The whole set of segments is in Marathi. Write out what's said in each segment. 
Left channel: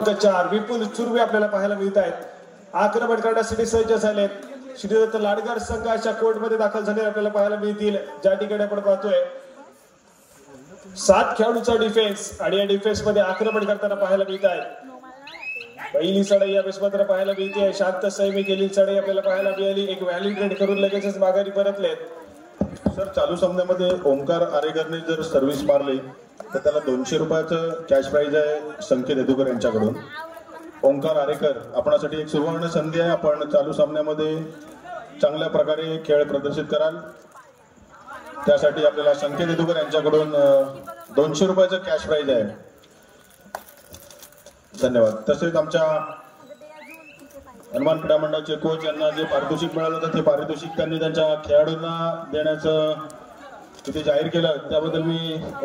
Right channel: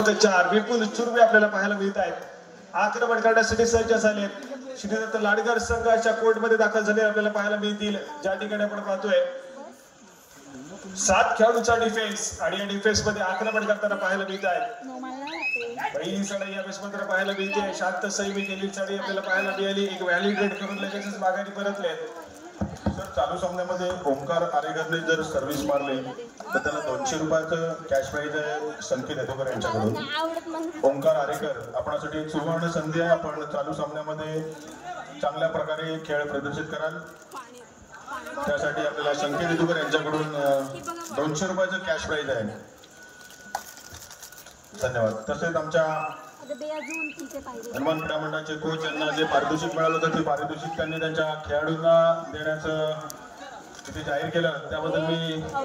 4 विपुल चुरवे आपल्याला पाहायला मिळत आहेत। आक्रमण करण्यासाठी सज्ज झाले। श्रीदत्त लाडगार संघाच्या कोर्टमध्ये दाखल झाले आपल्याला पाहायला मिळतील। ज्या ठिकाणी आपण पाहतोय 7 खेळाडूंचा डिफेन्स आणि या डिफेन्स मध्ये आक्रमण करताना पाहायला मिळत आहे। पहिली चढाई या वेळेस मात्र पाहायला मिळते। शांत संयमी केलेली चढाई आपल्याला पाहायला मिळाली। एक व्हॅलिडेट करून लगेचच माघारी परतले। सर चालू सामन्यामध्ये ओंकार आरेकरने जर सर्व्हिस मारली तर त्याला 200 रुपयाचं कॅश प्राइज आहे संकेत येदुकर यांच्याकडून। ओंकार आरेकर आपणासाठी एक सुवर्ण संधी आहे। आपण चालू सामन्यामध्ये चांगल्या प्रकारे खेळ प्रदर्शित कराल त्यासाठी आपल्याला संकेत येदुकर यांच्याकडून 200 रुपयाचं कॅश प्राइज आहे। धन्यवाद। तसेच आमच्या हनुमान क्रीडा मंडळाचे कोच यांना जे पारितोषिक मिळालं होतं ते पारितोषिक त्यांनी त्यांच्या खेळाडूंना देण्याचं तिथे जाहीर केलं त्याबद्दल मी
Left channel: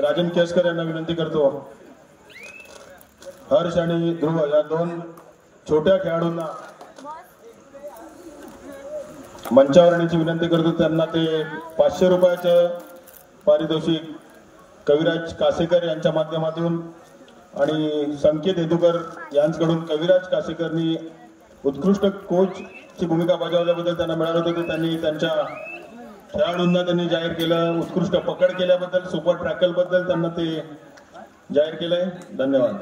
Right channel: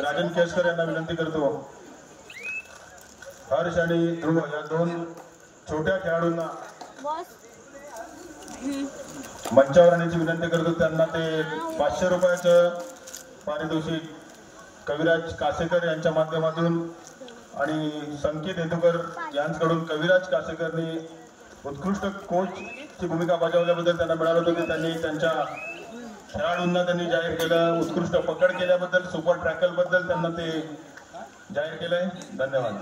राजन केसकर यांना विनंती करतो। हर्ष आणि ध्रुव या 2 छोट्या खेळाडूंना मंचावर आणण्याची विनंती करतो। त्यांना ते 500 रुपयाचं पारितोषिक कविराज कासेकर यांच्या माध्यमातून आणि संकेत येदुकर यांच्याकडून कविराज कासेकरनी उत्कृष्ट कोचची भूमिका बजावल्याबद्दल त्यांना मिळालं होतं। त्यांनी त्यांच्या खेळाडूंना त्यांनी जाहीर केलं। उत्कृष्ट पकड केल्याबद्दल सुपर टॅकल बद्दल त्यांना ते जाहीर केलंय। धन्यवाद।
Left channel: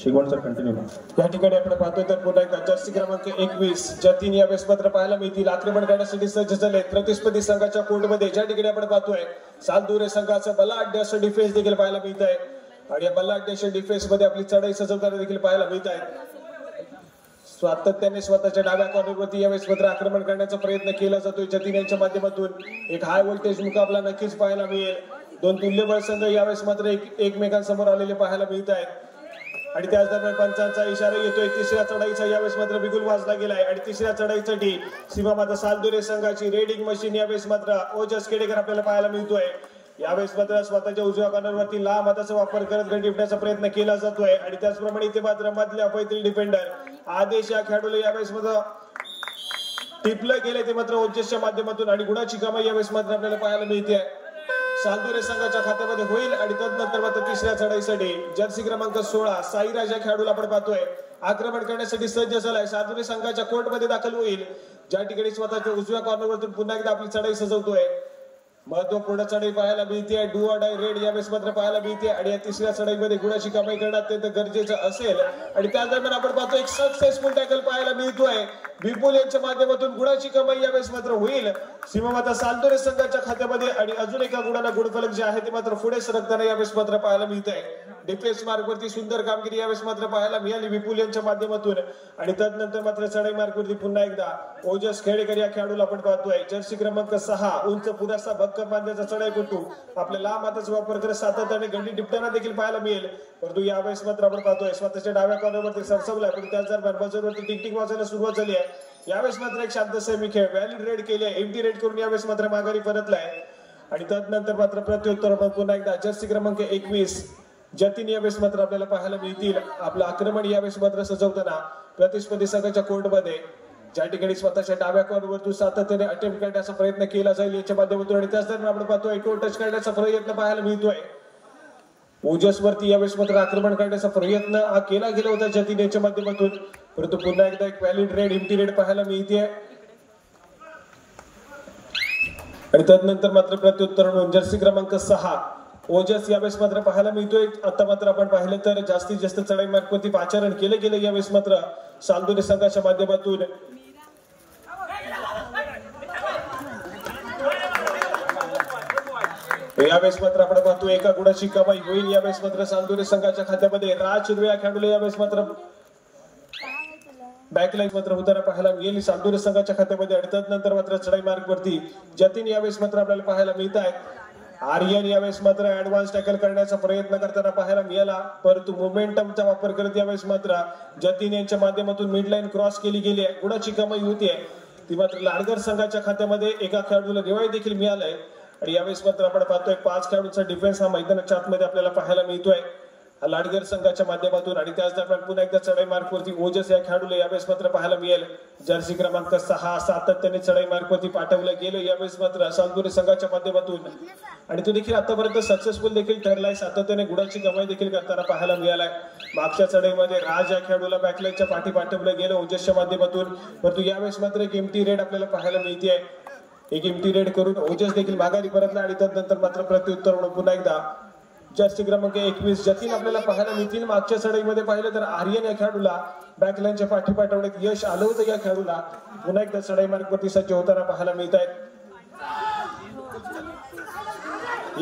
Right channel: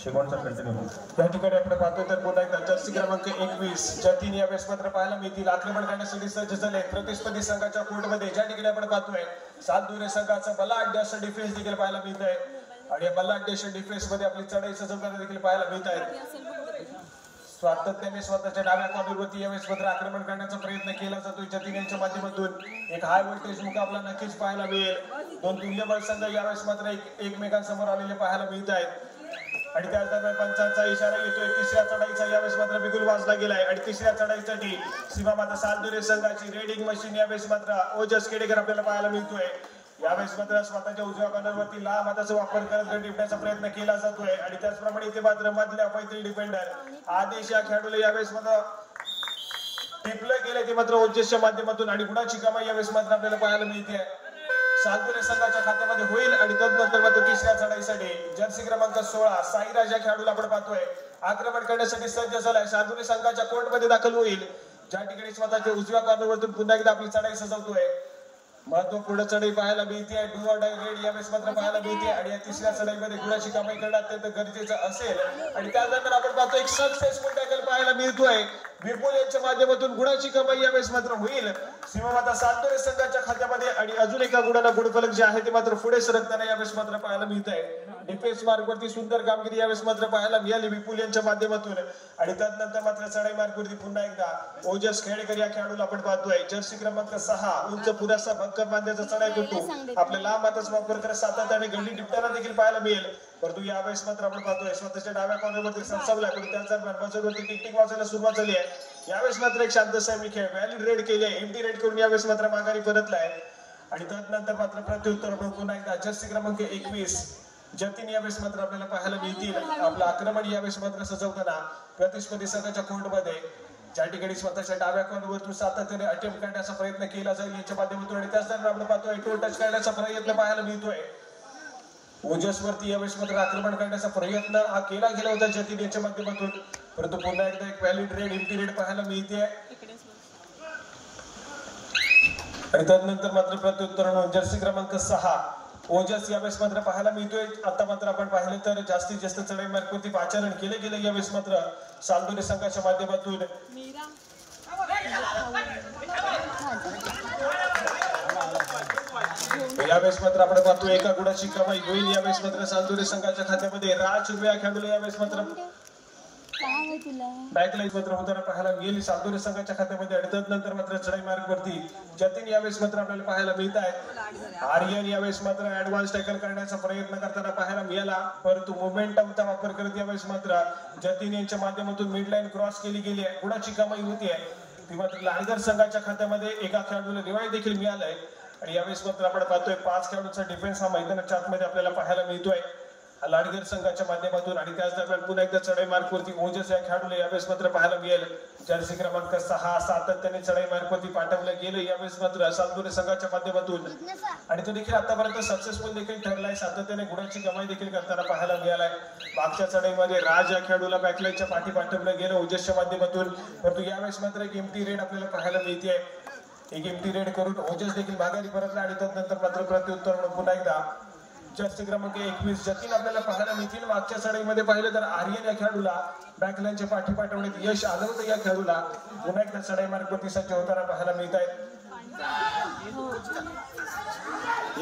Shigwan sir continue. या ठिकाणी आपण पाहतोय तर पुन्हा एकदा जर्सी क्रमांक 21 जतीन या वेळेस मात्र पाहायला मिळतील। आक्रमण करण्यासाठी सज्ज झाले प्रतिस्पर्धी संघाच्या कोर्टमध्ये। ज्या ठिकाणी आपण पाहतोय सालदुरे संघाचा बलाढ्य असं डिफेन्स देखील पाहायला मिळत आहे आणि या बलाढ्य अशा डिफेन्स मध्ये आपली चढाई सजवताना देखील पाहायला मिळत आहे। सातत्याने स्वतःच्या डाव्या कॉर्नरवरती यावेळेस मात्र आक्रमण करण्याचा प्रयत्न केला जातोय जतीन यांच्या माध्यमातून। एक हाय व्होल्टेज मुकाबला नक्कीच पाहायला मिळेल। 2 तुल्यबळ संघ यावेळेस मात्र एकमेकांसमोर आलेले पाहायला मिळत आहेत आणि त्याच दरम्यान पंचांचा इशारा येतोय। तिसऱ्या चढाईचा यावेळेस मात्र बिगुल वाजला गेलाय आणि तिसऱ्या चढाईसाठी सीमा माता सालदुरे संघाची रेडिंग मशीन यावेळेस मात्र ओजस केडेकर आपल्याला पाहायला मिळतोय। यावेळेस मात्र स्वतःच्या उजव्या कॉर्नरवरती लांब हाताचा वापर करत गडी टिपण्याचा प्रयत्न केला जातोय आणि त्याचप्रमाणे इथे मात्र मधल्या पैत्री डिफेंडर आदेश या खेळाडूला यावेळेस मात्र टिपलं गेलंय ते मात्र ओजसच्या माध्यमातून आणि गुणाची कमाई यावेळेस मात्र आपल्याला पाहायला मिळते। सालदुरे संघाच्या खात्यामध्ये होईल आणि त्यानंतर मात्र तिसऱ्या चढाईसाठी जर्सी क्रमांक 16 साईराज या खेळाडूला आपण पाहतोय आक्रमण करण्यासाठी सज्ज झालाय। सालदुरे संघाच्या कोर्टमध्ये दाखल होईल ज्या ठिकाणी स्वतःच्या उजव्या कॉर्नरवरतून पुन्हा एकदा आपली चढाई सजवतोय। महत्वपूर्ण चढाई पाहायला मिळते। डू ऑर डाय रेड यावेळेस मात्र पाहायला मिळते आणि या तिसऱ्या चढाईमध्ये गुणाची कमाई करणं अत्यंत गरजेचं असेल आणि त्याच दरम्यान आपण पाहतो एक सक्सेसफुल टॅकल पाहायला मिळतोय। विपुल यांच्या माध्यमातून गुणाची कमाई यावेळेस मात्र होईल सीमा माता सालदुरे संघाच्या खात्यामध्ये आणि अजून एका गुणाला गुणफलक जे आहे ते मात्र पुढे सरकताना यावेळेस मात्र पाहायला मिळत आहे। डिफेन्स मार्गवरती सुंदर कामगिरी यावेळेस मात्र पाहायला मिळाली विपुल यांच्या माध्यमातून आणि त्यानंतर मात्र चढाई मार्गवरती पुन्हा एकदा ओजस खेडेकर या खेळाडूला आपण पाहतोय जर्सी क्रमांक 6 उंच पुरासा भक्कम बांध्याचा चढाईपटू आपल्या लांब हाताचा वापर करत सातत्याने गंडी टिपताना देखील पाहायला मिळेल। परंतु यावेळेस मात्र आपण पाहतोय स्वतःच्या डाव्या कॉर्नरवरती सरसवला पण त्याच दरम्यान बाजूवरती टिकटिक वाजवायला सुरुवात झाली आहे। यावेळेस मात्र एक शांत संयमी खेळ व्हॅलिड रेड केली आहे एम्प्टी रेड करून यावेळेस मात्र माघारी परतलाय आणि त्यानंतर मात्र प्रत्युत्तर पुन्हा एकदा जर्सी क्रमांक 21 जतीन यावेळेस मात्र आपल्याला पाहायला मिळतील। आपलं आक्रमण यावेळेस मात्र सजवताना प्रतिस्पर्धी संघाच्या कोर्टमध्ये ज्या ठिकाणी स्वतःच्या डाव्या कॉर्नरवरतून सातत्याने अटेम्प्ट करण्याचा प्रयत्न केला जाईल याच्या माध्यमातून आणि त्याच दरम्यान आपण पाहतोय टोल टच करण्याचा प्रयत्न पाहायला मिळतोय। ओजसवरती यावेळेस मात्र आक्रमण करण्याचा प्रयत्न हा केला गेला होता जतीन यांच्या माध्यमातून परंतु पुन्हा एकदा एक व्हॅलिड रेड एम्प्टी रेड पाहायला मिळते आणि त्यानंतर मात्र प्रत्युत्तर म्हणून जर्सी क्रमांक 6 ओजस यावेळेस मात्र पाहायला मिळतोय। आता मात्र आपण पाहिलं तर जास्तीत जास्त चढाई मार्गवरती पाचारण केलं गेलं यावेळेस मात्र सालदुरे संघाच्या माध्यमातून यावेळेस मात्र आपण पाहतो एका गुणाची कमाई होईल यावेळेस मात्र सालदुरे संघाच्या खात्यामध्ये। राज चुरवे या खेळाडूला यावेळेस मात्र बॅकलाईन मात्र होताना पाहायला मिळेल सालदुरे संघाच्या खात्यामध्ये आणि त्यानंतर मात्र चढाई मार्गवरती जतीन यावेळेस मात्र आपल्याला पाहायला मिळत आहे। आर्यन यावेळेस मात्र ऍडव्हान्स टॅकल करण्याचा प्रयत्न करताना पाहायला मिळाला परंतु मोमेंटमचा वापर करत यावेळेस मात्र जतीन यांच्या माध्यमातून मिड लाईन क्रॉस केली गेली आहे। गुणाची कमाई होती आहे ती मात्र लाडगर संघाच्या खात्यामध्ये एका खेळाडूला दिवाळी देखील मिळालंय आणि यावेळेस मात्र आपण पाहतोय 5 खेळाडूंचा डिफेन्स हा मैदानाच्या आतमध्ये आपल्याला पाहायला मिळतोय लाडगर संघाच्या माध्यमातून आणि त्याच दरम्यान पुन्हा एकदा चढाई मार्कवरती ओजस या खेळाडूला यावेळेस मात्र पाहायला मिळेल. जर्सी क्रमांक 6 सातत्याने चढाई मार्कवरती पाठवलं गेलं यावेळेस मात्र सालदुरे संघाच्या माध्यमातून आणि तो देखील आतापर्यंत सक्सेसफुल देखील ठरलाय. सातत्याने गुणाची कमाई देखील करताना पाहायला मिळालाय. मागच्या चढाईमध्ये राज या खेळाडूला बॅकलाईनच्या पाठी पाठवलं गेलं ओजसच्या माध्यमातून, परंतु यावेळेस मात्र एक एम्प्टी रेड आपल्याला पाहायला मिळते. एक एम्प्टी रेड करून ओजस देखील माघारी परतला आणि त्यानंतर मात्र प्रत्युत्तर म्हणून पुन्हा एकदा जर्सी क्रमांक 21 जतीन आपल्याला पाहायला मिळतील. मागच्या चढाईमध्ये पाहिलं तर आर्यन या खेळाडूला बॅकलाईनच्या पाठी पाठवण्यात यश आलं होतं. या खेळाडूला पुन्हा एकदा चढाई मार्गवरती सज्ज होताना पाहायला मिळत आहे.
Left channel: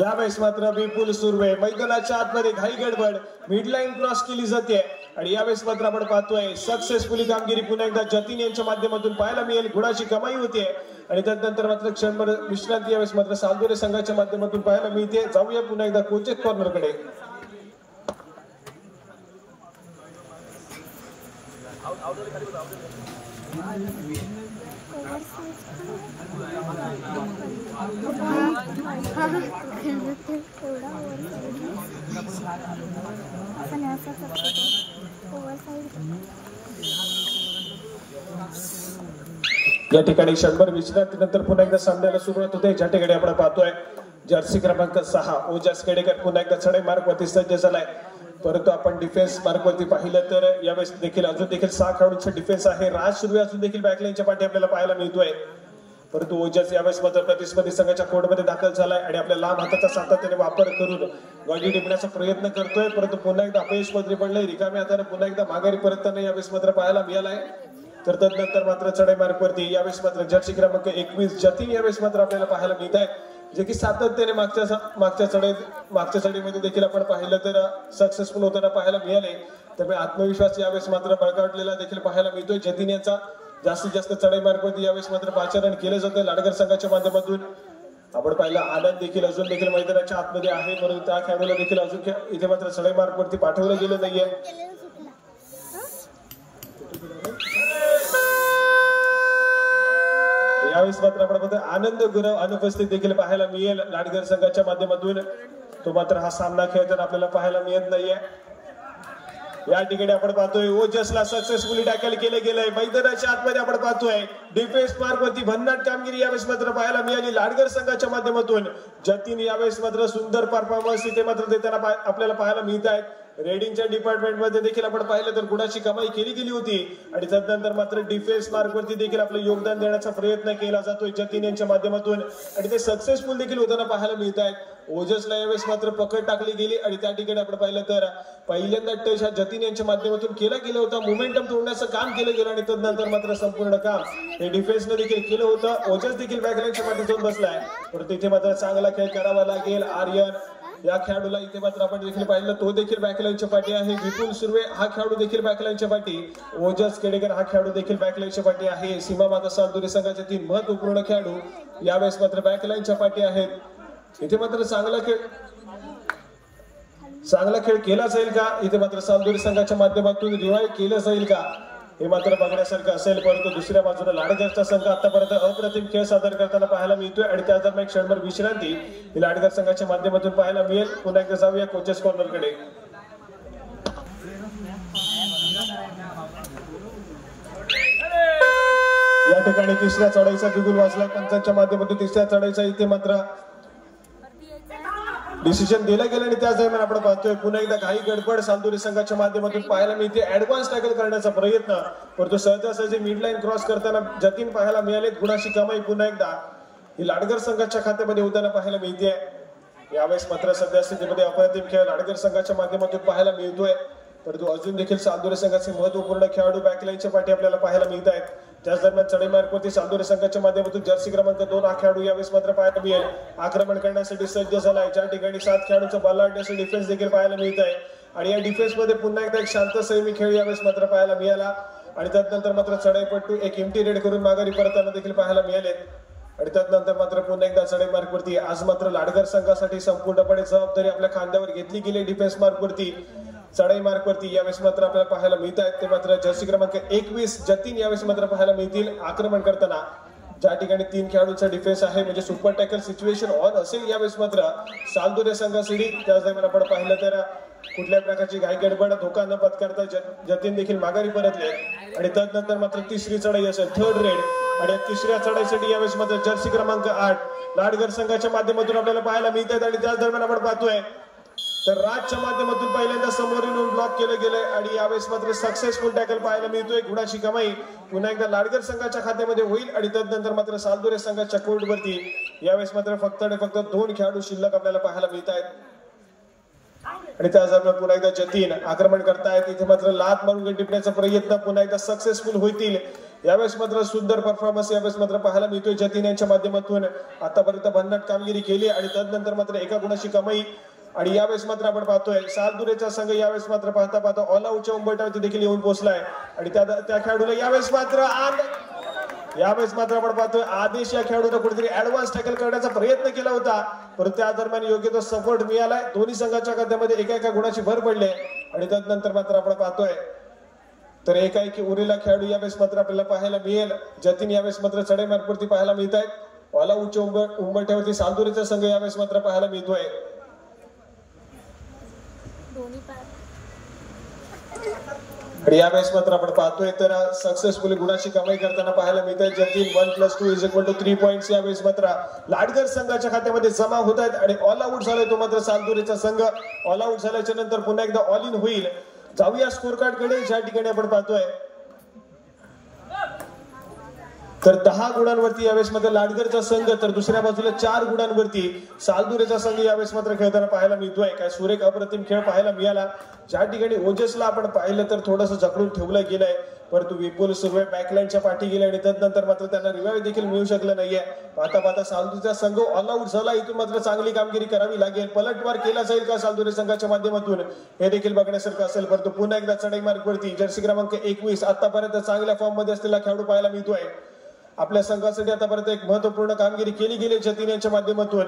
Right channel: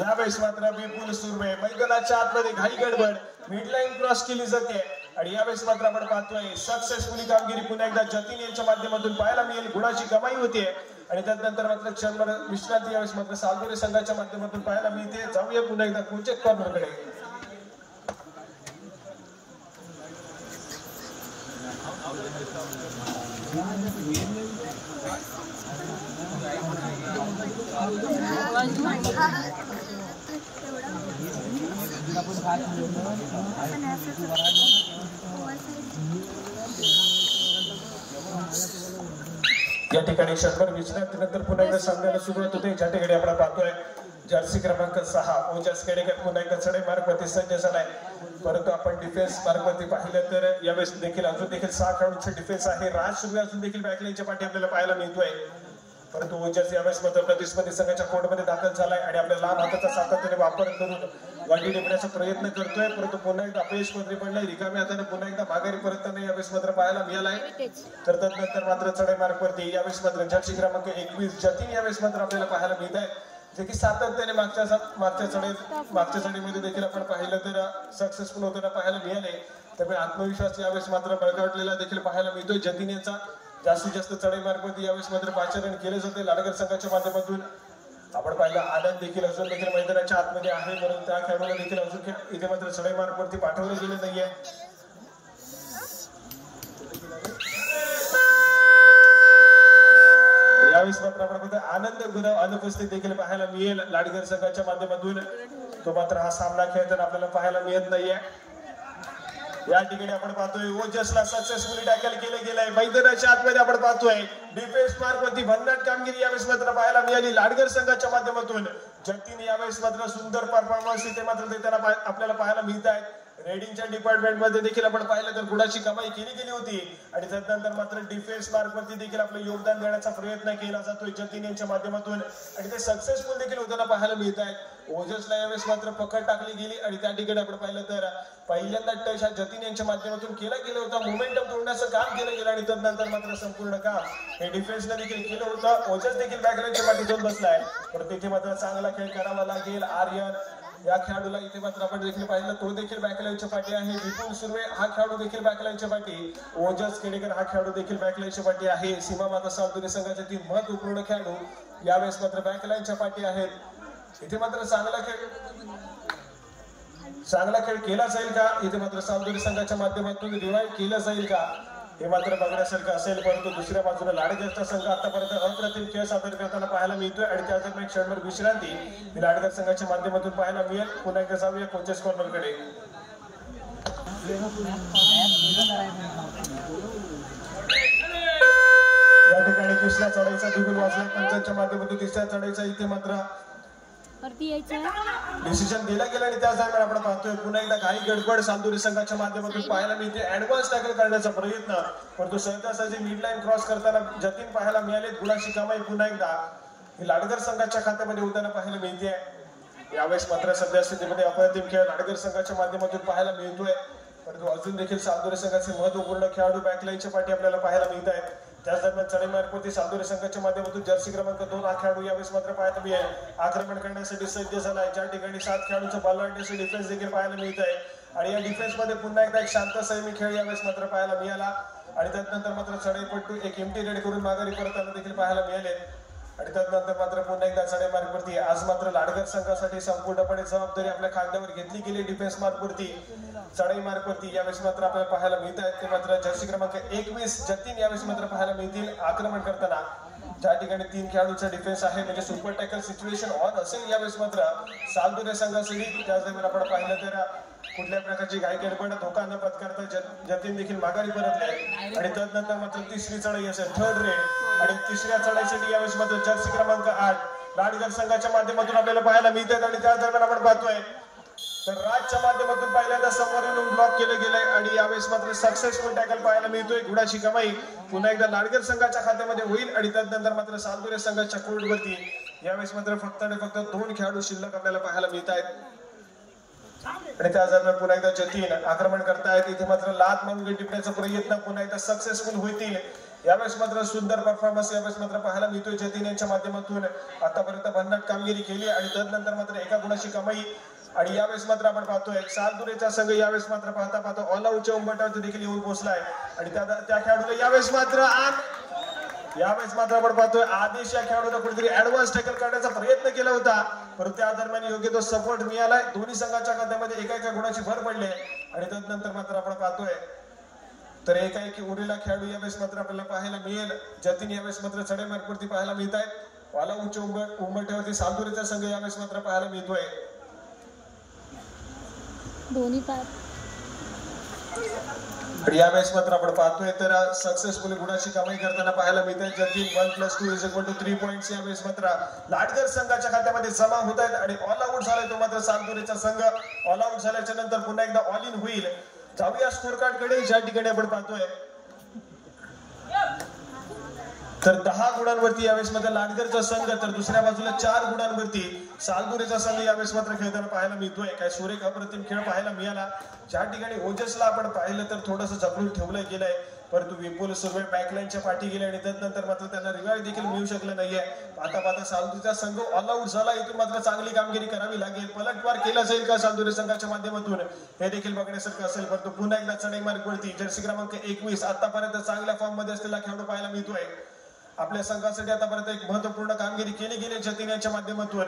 यावेळेस मात्र विपुल सुर्वे मैदानाच्या आतमध्ये घाई गडबड मिडलाईन क्रॉस केली जाते आणि यावेळेस मात्र आपण पाहतोय सक्सेसफुली कामगिरी पुन्हा एकदा जतीन यांच्या माध्यमातून पाहायला मिळेल. गुणाची कमाई होते आणि त्यानंतर मात्र क्षणभर विश्रांती यावेळेस मात्र सालदुरे संघाच्या माध्यमातून पाहायला मिळते. जाऊया पुन्हा एकदा कोचेस कॉर्नर कडे. या ठिकाणी क्षणभर विश्रांतीनंतर पुन्हा एकदा सामन्याला सुरुवात होते. ज्या ठिकाणी आपण पाहतोय जर्सी क्रमांक 6 ओजस केडेकर पुन्हा एकदा चढाई मार्गवरती सज्ज झालाय. परंतु आपण डिफेन्स मार्गवरती पाहिलं तर यावेळेस देखील अजून देखील 6 खेळाडूंचे डिफेन्स आहे. राज सुर्वे अजून देखील बॅकलाईनच्या पाठी आपल्याला पाहायला मिळतोय. परंतु ओजस यावेळेस मात्र प्रतिस्पर्धी संघाच्या कोर्टमध्ये दाखल झालाय आणि आपल्या लांब हाताचा सातत्याने वापर करून गाडी टिपण्याचा प्रयत्न करतोय. परंतु पुन्हा एकदा अपयश मध्ये पडलंय. रिकाम्या हाताने पुन्हा एकदा माघारी परतताना यावेळेस मात्र पाहायला मिळालाय. तर त्यानंतर मात्र चढाई मार्गवरती यावेळेस मात्र जर्सी क्रमांक 21 जतीन यावेळेस मात्र आपल्याला पाहायला मिळत आहे. जे की सातत्याने मागच्या चढाईमध्ये देखील आपण पाहिलं तर सक्सेसफुल होताना पाहायला मिळाले. त्यामुळे आत्मविश्वास यावेळेस मात्र बळकटलेला देखील पाहायला मिळतोय. जतीन यांचा जास्तीत जास्त चढाई मार्गवरती यावेळेस मात्र पाचारण केलं जातं लाडगर संघाच्या माध्यमातून. आपण पाहिलं आनंद देखील अजून देखील मैदानाच्या आतमध्ये आहे, म्हणून त्या खेळाडूला देखील अजून इथे मात्र चढाई मार्गवरती पाठवलं गेलं नाहीये. यावेळेस मात्र आपण आनंद गुरव अनुपस्थित देखील पाहायला मिळेल लाडगर संघाच्या माध्यमातून. तो मात्र हा सामना खेळताना आपल्याला पाहायला मिळत नाहीये. या ठिकाणी आपण पाहतोय ओजसला सक्सेसफुली टॅकल केले गेलंय. मैदानाच्या आतमध्ये आपण पाहतोय डिफेन्स मार्गवरती भन्नाट कामगिरी यावेळेस मात्र पाहायला मिळाली लाडगर संघाच्या माध्यमातून. जतीन यावेळेस मात्र सुंदर परफॉर्मन्स इथे मात्र देताना आपल्याला पाहायला मिळत आहे. रेडिंगच्या डिपार्टमेंट मध्ये देखील आपण पाहिलं तर गुणाची कमाई केली गेली होती आणि त्यानंतर मात्र डिफेन्स मार्गवरती देखील आपलं योगदान देण्याचा प्रयत्न केला जातोय जतीन यांच्या माध्यमातून आणि ते सक्सेसफुल देखील होताना पाहायला मिळत आहे. ओजसला यावेळेस मात्र पकड टाकली गेली आणि त्या ठिकाणी आपण पाहिलं तर पहिल्यांदा टच हा जतीन यांच्या माध्यमातून केला गेला होता. मोमेंटम तोडण्याचं काम केलं गेलं आणि त्यानंतर मात्र संपूर्ण काम हे डिफेन्सने देखील केलं होतं. ओजस देखील बॅकलाईनच्या पाठी जाऊन बसलाय, पण तिथे मात्र चांगला खेळ करावा लागेल. आर्यन या खेळाडूला इथे मात्र आपण देखील पाहिलं तो देखील बॅकलाईनच्या पाठी आहे. विपुल सुर्वे हा खेळाडू देखील बॅकलाईनच्या पाठी. ओजस केडेकर हा खेळाडू देखील बॅकलाईनच्या पाठी आहे. सीमा माता सालदुरे संघाचे 3 महत्वपूर्ण खेळाडू यावेळेस मात्र बॅकलाईनच्या पाठी आहेत. इथे मात्र चांगला खेळ केला जाईल का, इथे मात्र सालदुरे संघाच्या माध्यमातून रिवाइव्ह केलं जाईल का, हे मात्र बघण्यासारखं असेल. परंतु दुसऱ्या बाजूने लाडगरचा संघ आतापर्यंत अप्रतिम खेळ सादर करताना पाहायला मिळतोय आणि त्या दरम्यान क्षणभर विश्रांती ही लाडगर संघाच्या माध्यमातून पाहायला मिळेल. पुन्हा एकदा जाऊया कोचेस कॉर्नर कडे. या ठिकाणी तिसऱ्या चढाईचा बिगुल वाजला पंचांच्या माध्यमातून. तिसऱ्या चढाईचा इथे मात्र डिसिजन दिला गेला आणि त्याच दरम्यान आपण पाहतोय पुन्हा एकदा काही गडबड सालदुरे संघाच्या माध्यमातून पाहायला मिळते. ऍडव्हान्स टॅकल करण्याचा प्रयत्न, परंतु सहजासहजी मिड लाईन क्रॉस करताना जतीन पाहायला मिळाले. गुणाची कमाई पुन्हा एकदा ही लाडगर संघाच्या खात्यामध्ये होताना पाहायला मिळते. यावेळेस मात्र सध्या स्थितीमध्ये अप्रतिम खेळ लाडगर संघाच्या माध्यमातून पाहायला मिळतोय, परंतु अजून देखील सालदुरे संघाचे महत्वपूर्ण खेळाडू बॅकलाईनच्या पाठी आपल्याला पाहायला मिळत आहेत. त्याच दरम्यान चढाई मार्गवरती सालदुरे संघाच्या माध्यमातून जर्सी क्रमांक 2 हा खेळाडू यावेळेस मात्र पाहायला मिळेल. आक्रमण करण्यासाठी सज्ज झालाय. ज्या ठिकाणी 7 खेळाडूंचा बलाढ्य डिफेन्स देखील पाहायला मिळत आहे आणि या डिफेन्स मध्ये पुन्हा एकदा एक शांत संयमी खेळ यावेळेस मात्र पाहायला मिळाला आणि त्यानंतर मात्र चढाईपट्टू एक एम्प्टी रेड करून माघारी परतताना देखील पाहायला मिळाले आणि त्यानंतर मात्र पुन्हा एकदा चढाई मार्गवरती आज मात्र लाडगर संघासाठी संपूर्णपणे जबाबदारी आपल्या खांद्यावर घेतली गेली. डिफेन्स मार्गवरती चढाई मार्गवरती यावेळेस मात्र आपल्याला पाहायला मिळत आहेत. ते मात्र जर्सी क्रमांक 21 जतीन यावेळेस मात्र पाहायला मिळतील आक्रमण करताना. ज्या ठिकाणी 3 खेळाडूंचा डिफेन्स आहे म्हणजे सुपर टॅकल सिच्युएशन ऑन असेल यावेळेस मात्र सालदुरे संघासाठी त्याच दरम्यान आपण पाहिलं तर कुठल्या प्रकारची घाई गडबड धोका न पत्करता जतीन देखील माघारी परतले आणि त्यानंतर मात्र तिसरी चढाई असेल थर्ड रेड आणि तिसऱ्या चढाईसाठी यावेळेस मात्र जर्सी क्रमांक 8 लाडगर संघाच्या माध्यमातून आपल्याला पाहायला मिळतात आणि त्याच दरम्यान आपण पाहतोय तर राजच्या माध्यमातून पहिल्यांदा समोरून ब्लॉक केले गेले आणि यावेळेस मात्र सक्सेसफुल टॅकल पाहायला मिळतोय. गुणाची कमाई पुन्हा एकदा लाडगर संघाच्या खात्यामध्ये होईल आणि त्यानंतर मात्र सालदुरे संघाच्या कोर्टवरती यावेळेस मात्र फक्त 2 खेळाडू शिल्लक आपल्याला पाहायला मिळत आहेत आणि त्याच दरम्यान पुन्हा एकदा जतीन आक्रमण करतायत. इथे मात्र लात मारून टिपण्याचा प्रयत्न पुन्हा एकदा सक्सेसफुल होतील. यावेळेस मात्र सुंदर परफॉर्मन्स यावेळेस मात्र पाहायला मिळतोय जतीन यांच्या माध्यमातून. आतापर्यंत भन्नाट कामगिरी केली आणि त्यानंतर मात्र एका गुणाची कमाई आणि यावेळेस मात्र आपण पाहतोय सालदुरेचा संघ यावेळेस मात्र पाहता ऑल आउटच्या उंबरठ्यावरती देखील येऊन पोहोचलाय आणि त्या खेळाडूला यावेळेस मात्र आपण पाहतोय आदेश या खेळाडूला कुठेतरी ऍडव्हान्स टॅकल करण्याचा प्रयत्न केला होता परंतु त्या दरम्यान योग्य तो सपोर्ट मिळालाय. दोन्ही संघाच्या खात्यामध्ये एका गुणाची भर पडली आणि त्यानंतर मात्र आपण पाहतोय तर एकाएकी उरलेला खेळाडू यावेळेस मात्र आपल्याला पाहायला मिळेल. जतीन यावेळेस मात्र चढाई मार्गावरती पाहायला मिळत आहेत. ऑल आउटच्या उंबरठ्यावरती सालदुरेचा संघ यावेळेस मात्र पाहायला मिळतोय आणि यावेळेस मात्र आपण पाहतोय तर सक्सेसफुली गुणाची कमाई करताना पाहायला मिळते. जतीन 1+2 3 पॉइंट्स यावेळेस मात्र लाडगर संघाच्या खात्यामध्ये जमा होत आहेत आणि ऑल आउट झालाय तो मात्र सालदुरेचा संघ. ऑल आउट झाल्याच्या नंतर पुन्हा एकदा ऑल इन होईल. जाऊया स्कोर कार्ड कडे ज्या ठिकाणी आपण पाहतोय तर 10 गुणांवरती यावेळेस मात्र लाडगरचा संघ तर दुसऱ्या बाजूला 4 गुणांवरती सालदुरेचा संघ यावेळेस मात्र खेळताना पाहायला मिळतोय. काय सुरेख अप्रतिम खेळ पाहायला मिळाला. ज्या ठिकाणी ओजसला आपण पाहिलं तर थोडंसं जखडून ठेवलं गेलंय परंतु विपुल सुर्वे बॅकलाईनच्या पाठी गेले आणि त्यानंतर मात्र त्यांना रिवाईव्ह देखील मिळू शकलं नाहीये. पाहता सालदुरेचा संघ ऑल आउट झाला. इथून मात्र चांगली कामगिरी करावी लागेल. पलटवार केला जाईल का सालदुरे संघाच्या माध्यमातून हे देखील बघण्यासारखं असेल. परंतु पुन्हा एकदा चढाई मार्गावरती जर्सी क्रमांक 21 आतापर्यंत चांगल्या फॉर्म मध्ये असलेला खेळाडू पाहायला मिळतोय. आपल्या संघासाठी आतापर्यंत एक महत्वपूर्ण कामगिरी केली गेली जतीन यांच्या माध्यमातून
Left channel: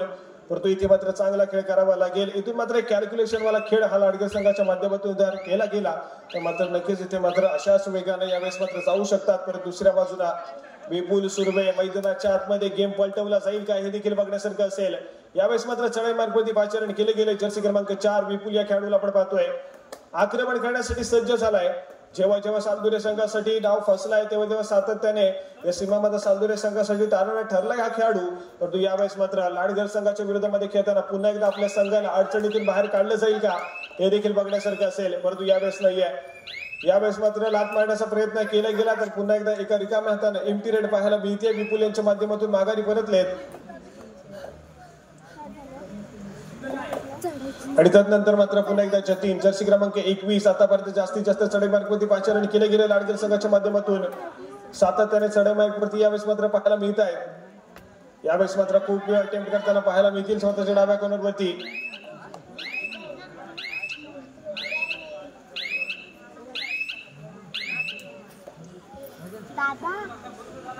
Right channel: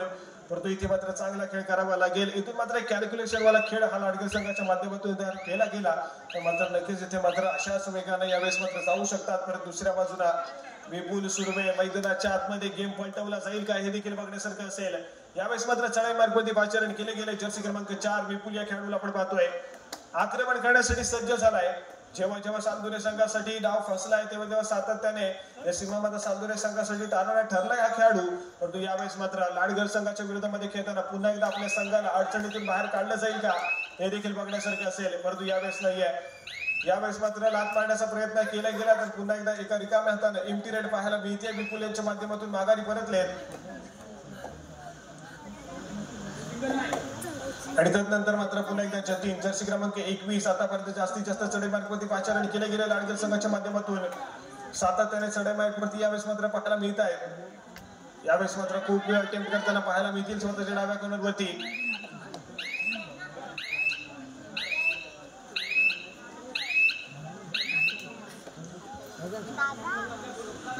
परंतु इथे मात्र चांगला खेळ करावा लागेल. इथून मात्र एक कॅल्क्युलेशन वाला खेळ हा लाडगर संघाच्या माध्यमातून जर केला गेला तर मात्र नक्कीच इथे मात्र अशाच वेगाने यावेळेस मात्र जाऊ शकतात. परंतु दुसऱ्या बाजूला विपुल सुर्वे मैदानाच्या आतमध्ये गेम पलटवला जाईल का हे देखील बघण्यासारखं असेल. यावेळेस मात्र चढाई मार्गावरती पाचारण केले गेले. जर्सी क्रमांक 4 विपुल या खेळाडूला आपण पाहतोय आक्रमण करण्यासाठी सज्ज झालाय. जेव्हा सालदुरे संघासाठी डाव फसलाय तेव्हा सातत्याने या सीमामध्ये सालदुरे संघासाठी तारणा ठरलाय हा खेळाडू परंतु यावेळेस मात्र लाडगर संघाच्या विरोधामध्ये खेळताना पुन्हा एकदा आपल्या संघाला अडचणीतून बाहेर काढलं जाईल का हे देखील बघण्यासारखं असेल. परंतु यावेळेस नाहीये. यावेळेस मात्र लात मारण्याचा प्रयत्न केला गेला तर पुन्हा एकदा एका रिकाम्या हाताने एम्प्टी रेड पाहायला मिळते. विपुल यांच्या माध्यमातून माघारी परतलेत आणि त्यानंतर मात्र पुन्हा एकदा जतीन जर्सी क्रमांक 21 आतापर्यंत जास्तीत जास्त चढाई मार्गावरती पाचारण केले गेले लाडगर संघाच्या माध्यमातून. सातत्याने चढाई मार्गावरती यावेळेस मात्र पाहायला मिळत आहे. यावेळेस मात्र खूप वेळ अटेम्प्ट करताना पाहायला मिळतील स्वतःच्या डाव्या कॉर्नरवरती.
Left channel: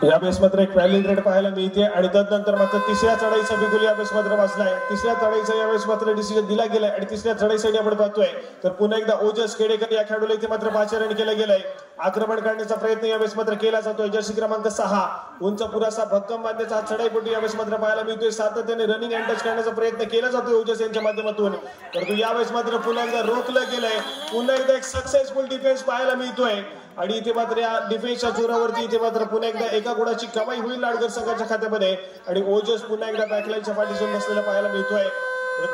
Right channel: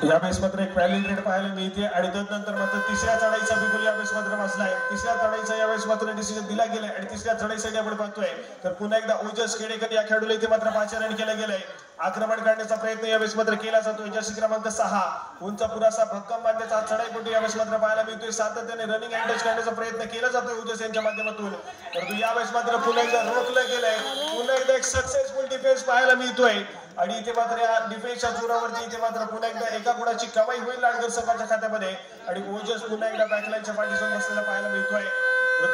यावेळेस मात्र एक व्हॅलिड रेड पाहायला मिळते आणि त्यानंतर मात्र तिसऱ्या चढाईचा बिगुल यावेळेस मात्र वाचलाय. तिसऱ्या चढाईचा यावेळेस मात्र डिसिजन दिला गेलाय आणि तिसऱ्या चढाईसाठी आपण पाहतोय तर पुन्हा एकदा ओजस खेडेकर या खेळाडूला इथे मात्र पाचारण केलं गेलंय. आक्रमण करण्याचा प्रयत्न यावेळेस मात्र केला जातोय. जर्सी क्रमांक 6 उंच पुरासा भक्कम बांधण्याचा चढाईपोटी यावेळेस मात्र पाहायला मिळतोय. सातत्याने रनिंग अँड टच करण्याचा प्रयत्न केला जातोय ओजस यांच्या माध्यमातून परंतु यावेळेस मात्र पुन्हा एकदा रोखलं गेलंय. पुन्हा एकदा एक सक्सेसफुल डिफेन्स पाहायला मिळतोय आणि इथे मात्र या डिफेन्सच्या जोरावरती इथे मात्र पुन्हा एकदा एका गुणाची कमाई होईल लाडगर संघाच्या खात्यामध्ये आणि ओजस पुन्हा एकदा बॅकलाईनच्या पाठीसून बसलेला पाहायला मिळतोय.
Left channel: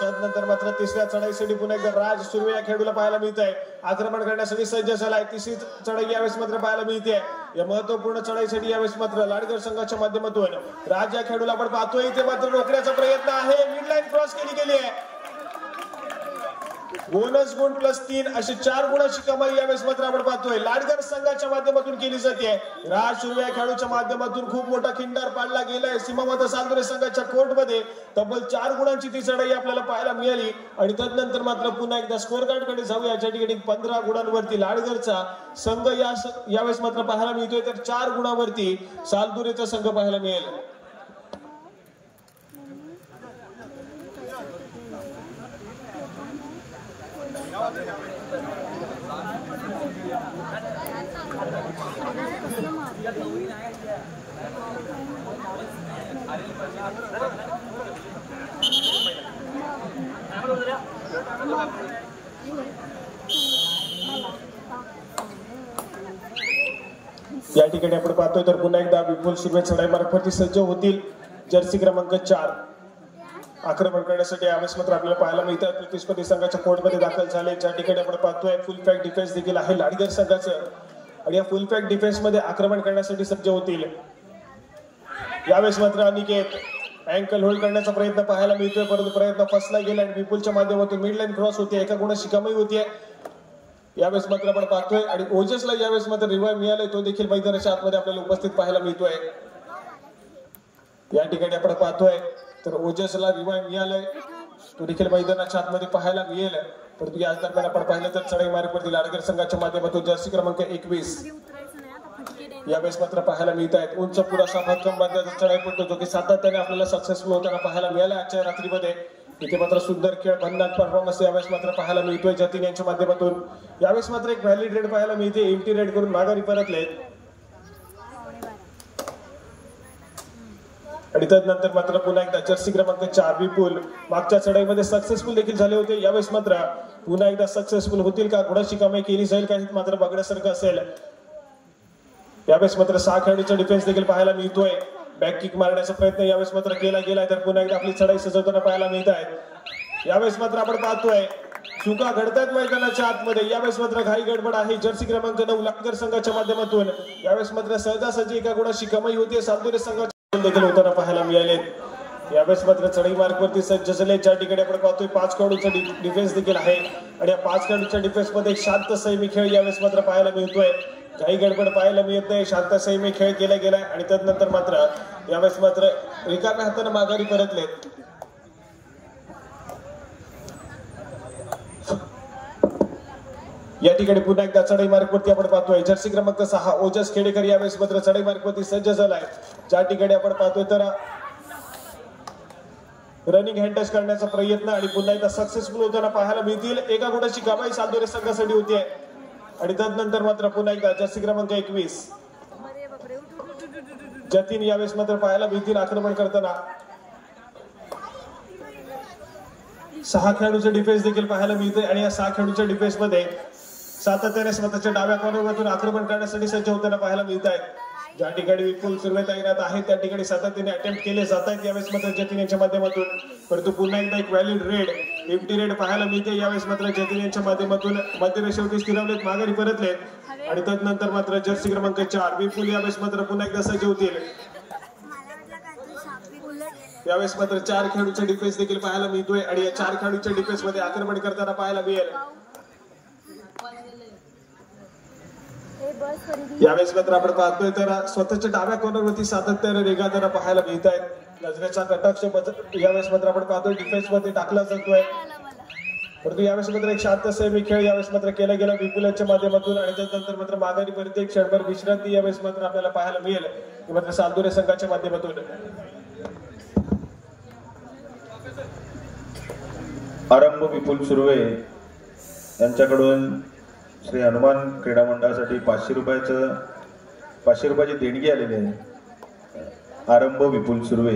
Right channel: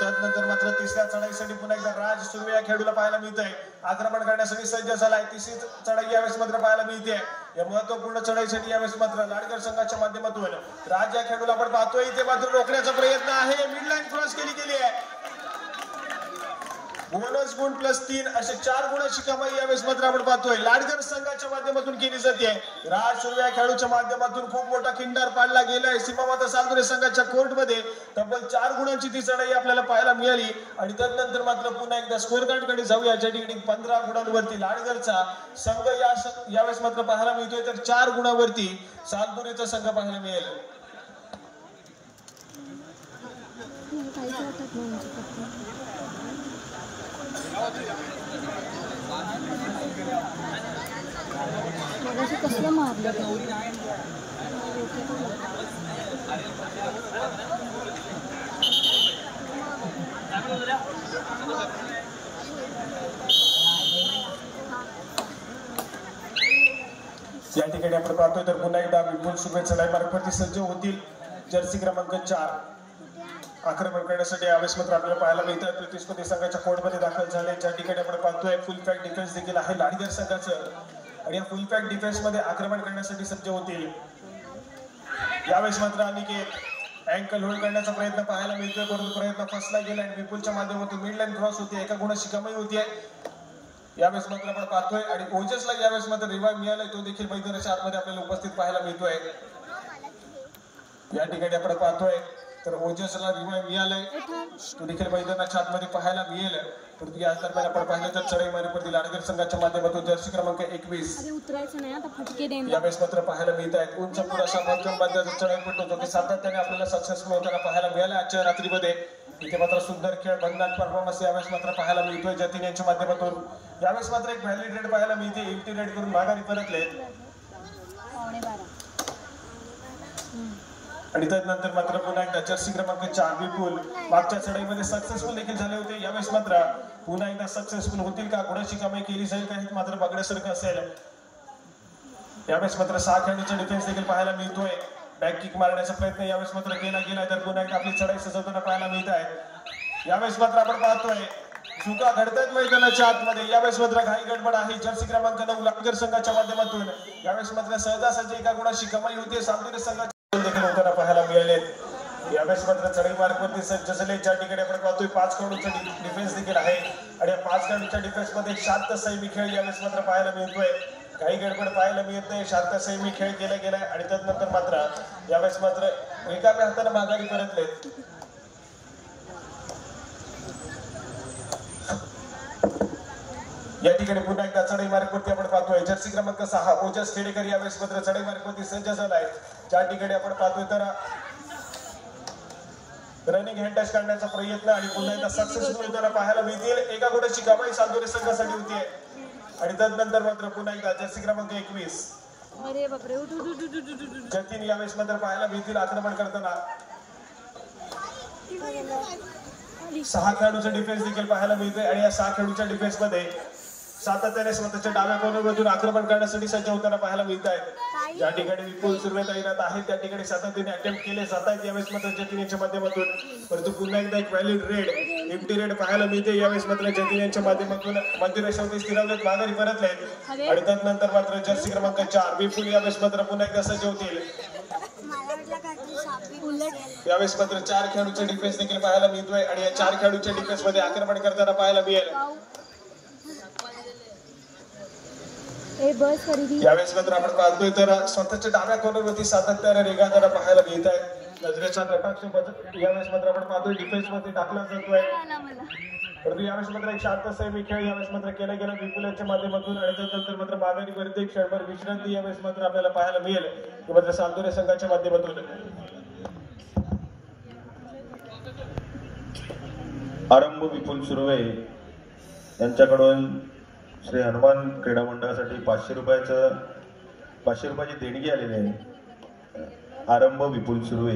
त्यानंतर मात्र तिसऱ्या चढाईसाठी पुन्हा एकदा राज सुर्वे या खेळाडूला पाहायला मिळतंय. आक्रमण करण्यासाठी सज्ज झालाय. तिसरी चढाई यावेळेस मात्र पाहायला मिळते. या महत्वपूर्ण चढाईसाठी यावेळेस मात्र लाडगर संघाच्या माध्यमातून राज या खेळाडूला आपण पाहतोय. इथे मात्र रोखण्याचा प्रयत्न आहे. मिडलाईन क्रॉस केली गेली आहे. बोनस गुण +3 अशी 4 गुणाची कमाई यावेळेस मात्र आपण पाहतोय लाडगर संघाच्या माध्यमातून केली जाते. राज सुर्वे या खेळाडूच्या माध्यमातून खूप मोठा खिंडार पाडला गेलाय. सीमामाता सालदुरे संघाच्या कोर्टमध्ये तब्बल 4 गुणांची ती चढाई आपल्याला पाहायला मिळाली आणि त्यानंतर मात्र पुन्हा एकदा स्कोर कार्ड कडे जाऊया. ज्या ठिकाणी 15 गुणांवरती लाडगरचा संघ यावेळेस मात्र पाहायला मिळतोय तर 4 गुणांवरती सालदुरेचा संघ पाहायला मिळेल. या ठिकाणी आपण पाहतोय तर पुन्हा एकदा विपुल सुर्वे चढाई मार्गावरती सज्ज होतील. जर्सी क्रमांक 4 आक्रमण करण्यासाठी यावेळेस मात्र आपल्याला पाहायला मिळतात. प्रतिस्पर्धी संघाच्या कोर्टमध्ये दाखल झाले. ज्या ठिकाणी आपण पाहतोय फुल पॅक डिफेन्स देखील आहे लाडगर संघाचं आणि या फुल पॅक डिफेन्स मध्ये आक्रमण करण्यासाठी सज्ज होतील. यावेळेस मात्र अनिकेत अँकल होल्ड करण्याचा प्रयत्न पाहायला मिळतोय, परंतु प्रयत्न फसला गेला आणि विपुलच्या माध्यमातून मिड लाईन क्रॉस होते. एका गुणाची कमाई होतीये. यावेळेस मात्र आपण पाहतोय आणि ओजसला यावेळेस मात्र रिवाइव्ह मिळालाय. तो देखील मैदानाच्या आतमध्ये आपल्याला उपस्थित पाहायला मिळतोय. या ठिकाणी आपण पाहतोय तर ओजसला रिवाइव्ह मिळालाय. तो देखील मैदानाच्या आतमध्ये पाहायला मिळेल. परंतु या दरम्यान आपण पाहिलं तर चढाई मार्गावरती लाडगर संघाच्या माध्यमातून जर्सी क्रमांक 21 यावेळेस मात्र पाहायला मिळत आहेत. उंच पुरासा भक्कम बांधण्याचा चढाई पडतो जो की सातत्याने आपल्याला सक्सेसफुल होताना पाहायला मिळाला आजच्या रात्रीमध्ये. इथे मात्र सुंदर खेळ भन्नाट परफॉर्मन्स यावेळेस मात्र पाहायला मिळतोय जतीन यांच्या माध्यमातून. यावेळेस मात्र एक व्हॅलिड रेड पाहायला मिळते. एल्टी रेड करून माघारी परतले आणि त्यानंतर मात्र पुन्हा एकदा जर्सी क्रमांक 4 विपुल मागच्या चढाईमध्ये सक्सेसफुल देखील झाले होते. यावेळेस मात्र पुन्हा एकदा सक्सेसफुल होतील का, गुणाची कमाई केली जाईल का, मात्र बघण्यासारखं असेल. यावेळेस मात्र 6 खेळाडूचा डिफेन्स देखील पाहायला मिळतोय. बॅक किक मारण्याचा प्रयत्न यावेळेस मात्र केला गेला तर पुन्हा एकदा आपली चढाई सजवताना पाहायला मिळत आहे. यावेळेस मात्र आपण पाहतोय चुका घडतात मैदानाच्या आतमध्ये. यावेळेस मात्र घाई गडबड आहे जर्सी क्रमांक 9 लाडगर संघाच्या माध्यमातून. यावेळेस मात्र सहजासहजी एका गुणाची कमाई होते. सालदुरे संघाच्या देखील होताना पाहायला मिळाले. यावेळेस मात्र चढाई मार्गावरती सज्ज झाले. ज्या ठिकाणी आपण पाहतोय 5 खेळाडूचा डिफेन्स देखील आहे आणि या 5 खेळाडूच्या डिफेन्स मध्ये एक शांत संयमी खेळ यावेळेस मात्र पाहायला मिळतोय. काही गडबड पाहायला मिळत नाही. शांत संयमी खेळ केला गेलाय आणि त्यानंतर मात्र यावेळेस मात्र रिकाम्या हाताने माघारी परतले. या ठिकाणी पुन्हा एकदा चढाई मार्गावरती आपण पाहतोय जर्सी क्रमांक 6 ओजस खेडेकर यावेळेस मात्र चढाई मार्गावरती सज्ज झालाय. ज्या ठिकाणी आपण पाहतोय तर रनिंग हँड टच करण्याचा प्रयत्न आणि पुन्हा एकदा सक्सेसफुल होताना पाहायला मिळतील. एका गुणाची कमाई सालदुरे संघासाठी होतीये आणि त्यानंतर मात्र पुन्हा एकदा जर्सी क्रमांक 21 जतीन यावेळेस मात्र पाहायला मिळतील आक्रमण करताना. 6 खेळाडूचे डिफेन्स देखील पाहायला मिळते आणि या 6 खेळाडूच्या डिफेन्स मध्ये सातत्याने स्वतःच्या डाव्या कॉर्नरमधून आक्रमण करण्यासाठी सज्ज होताना पाहायला मिळत आहे. ज्या ठिकाणी विपुल सुर्वे तैनात आहेत त्या ठिकाणी सातत्याने अटेम्प्ट केले जात आहेत यावेळेस मात्र जतीन यांच्या माध्यमातून. परंतु पुन्हा एकदा एक व्हॅलिड रेड एम्प्टी रेड पाहायला मिळते. यावेळेस मात्र जतीन यांच्या माध्यमातून मध्यरेषेवरती स्थिरावलेत, माघारी परतलेत आणि त्यानंतर मात्र जर्सी क्रमांक 4 विपुल यावेळेस मात्र पुन्हा एकदा सज्ज होतील. यावेळेस मात्र 4 खेळाडूचे डिफेन्स देखील पाहायला मिळतोय आणि या 4 खेळाडूच्या डिफेन्स मध्ये आक्रमण करताना पाहायला मिळेल. यावेळेस मात्र आपण पाहतोय तर स्वतःच्या डाव्या कॉर्नरवरती सातत्याने रेगाताना पाहायला मिळत आहे. नजरेचा कटाक्ष यावेळेस मात्र आपण पाहतोय डिफेन्स मध्ये टाकला जातोय. परंतु यावेळेस मात्र एक शांत संयमी खेळ यावेळेस मात्र केला गेला विपुल यांच्या माध्यमातून आणि त्यानंतर मात्र माघारी पर्यंत एक क्षणभर विश्रांती यावेळेस मात्र आपल्याला पाहायला मिळेल मात्र सालदुरे संघाच्या माध्यमातून. आरंभ विपुल सुर्वे यांच्याकडून श्री हनुमान क्रीडा मंडळासाठी 500 रुपयाची देणगी आलेली आहे. आरंभ विपुल सुर्वे.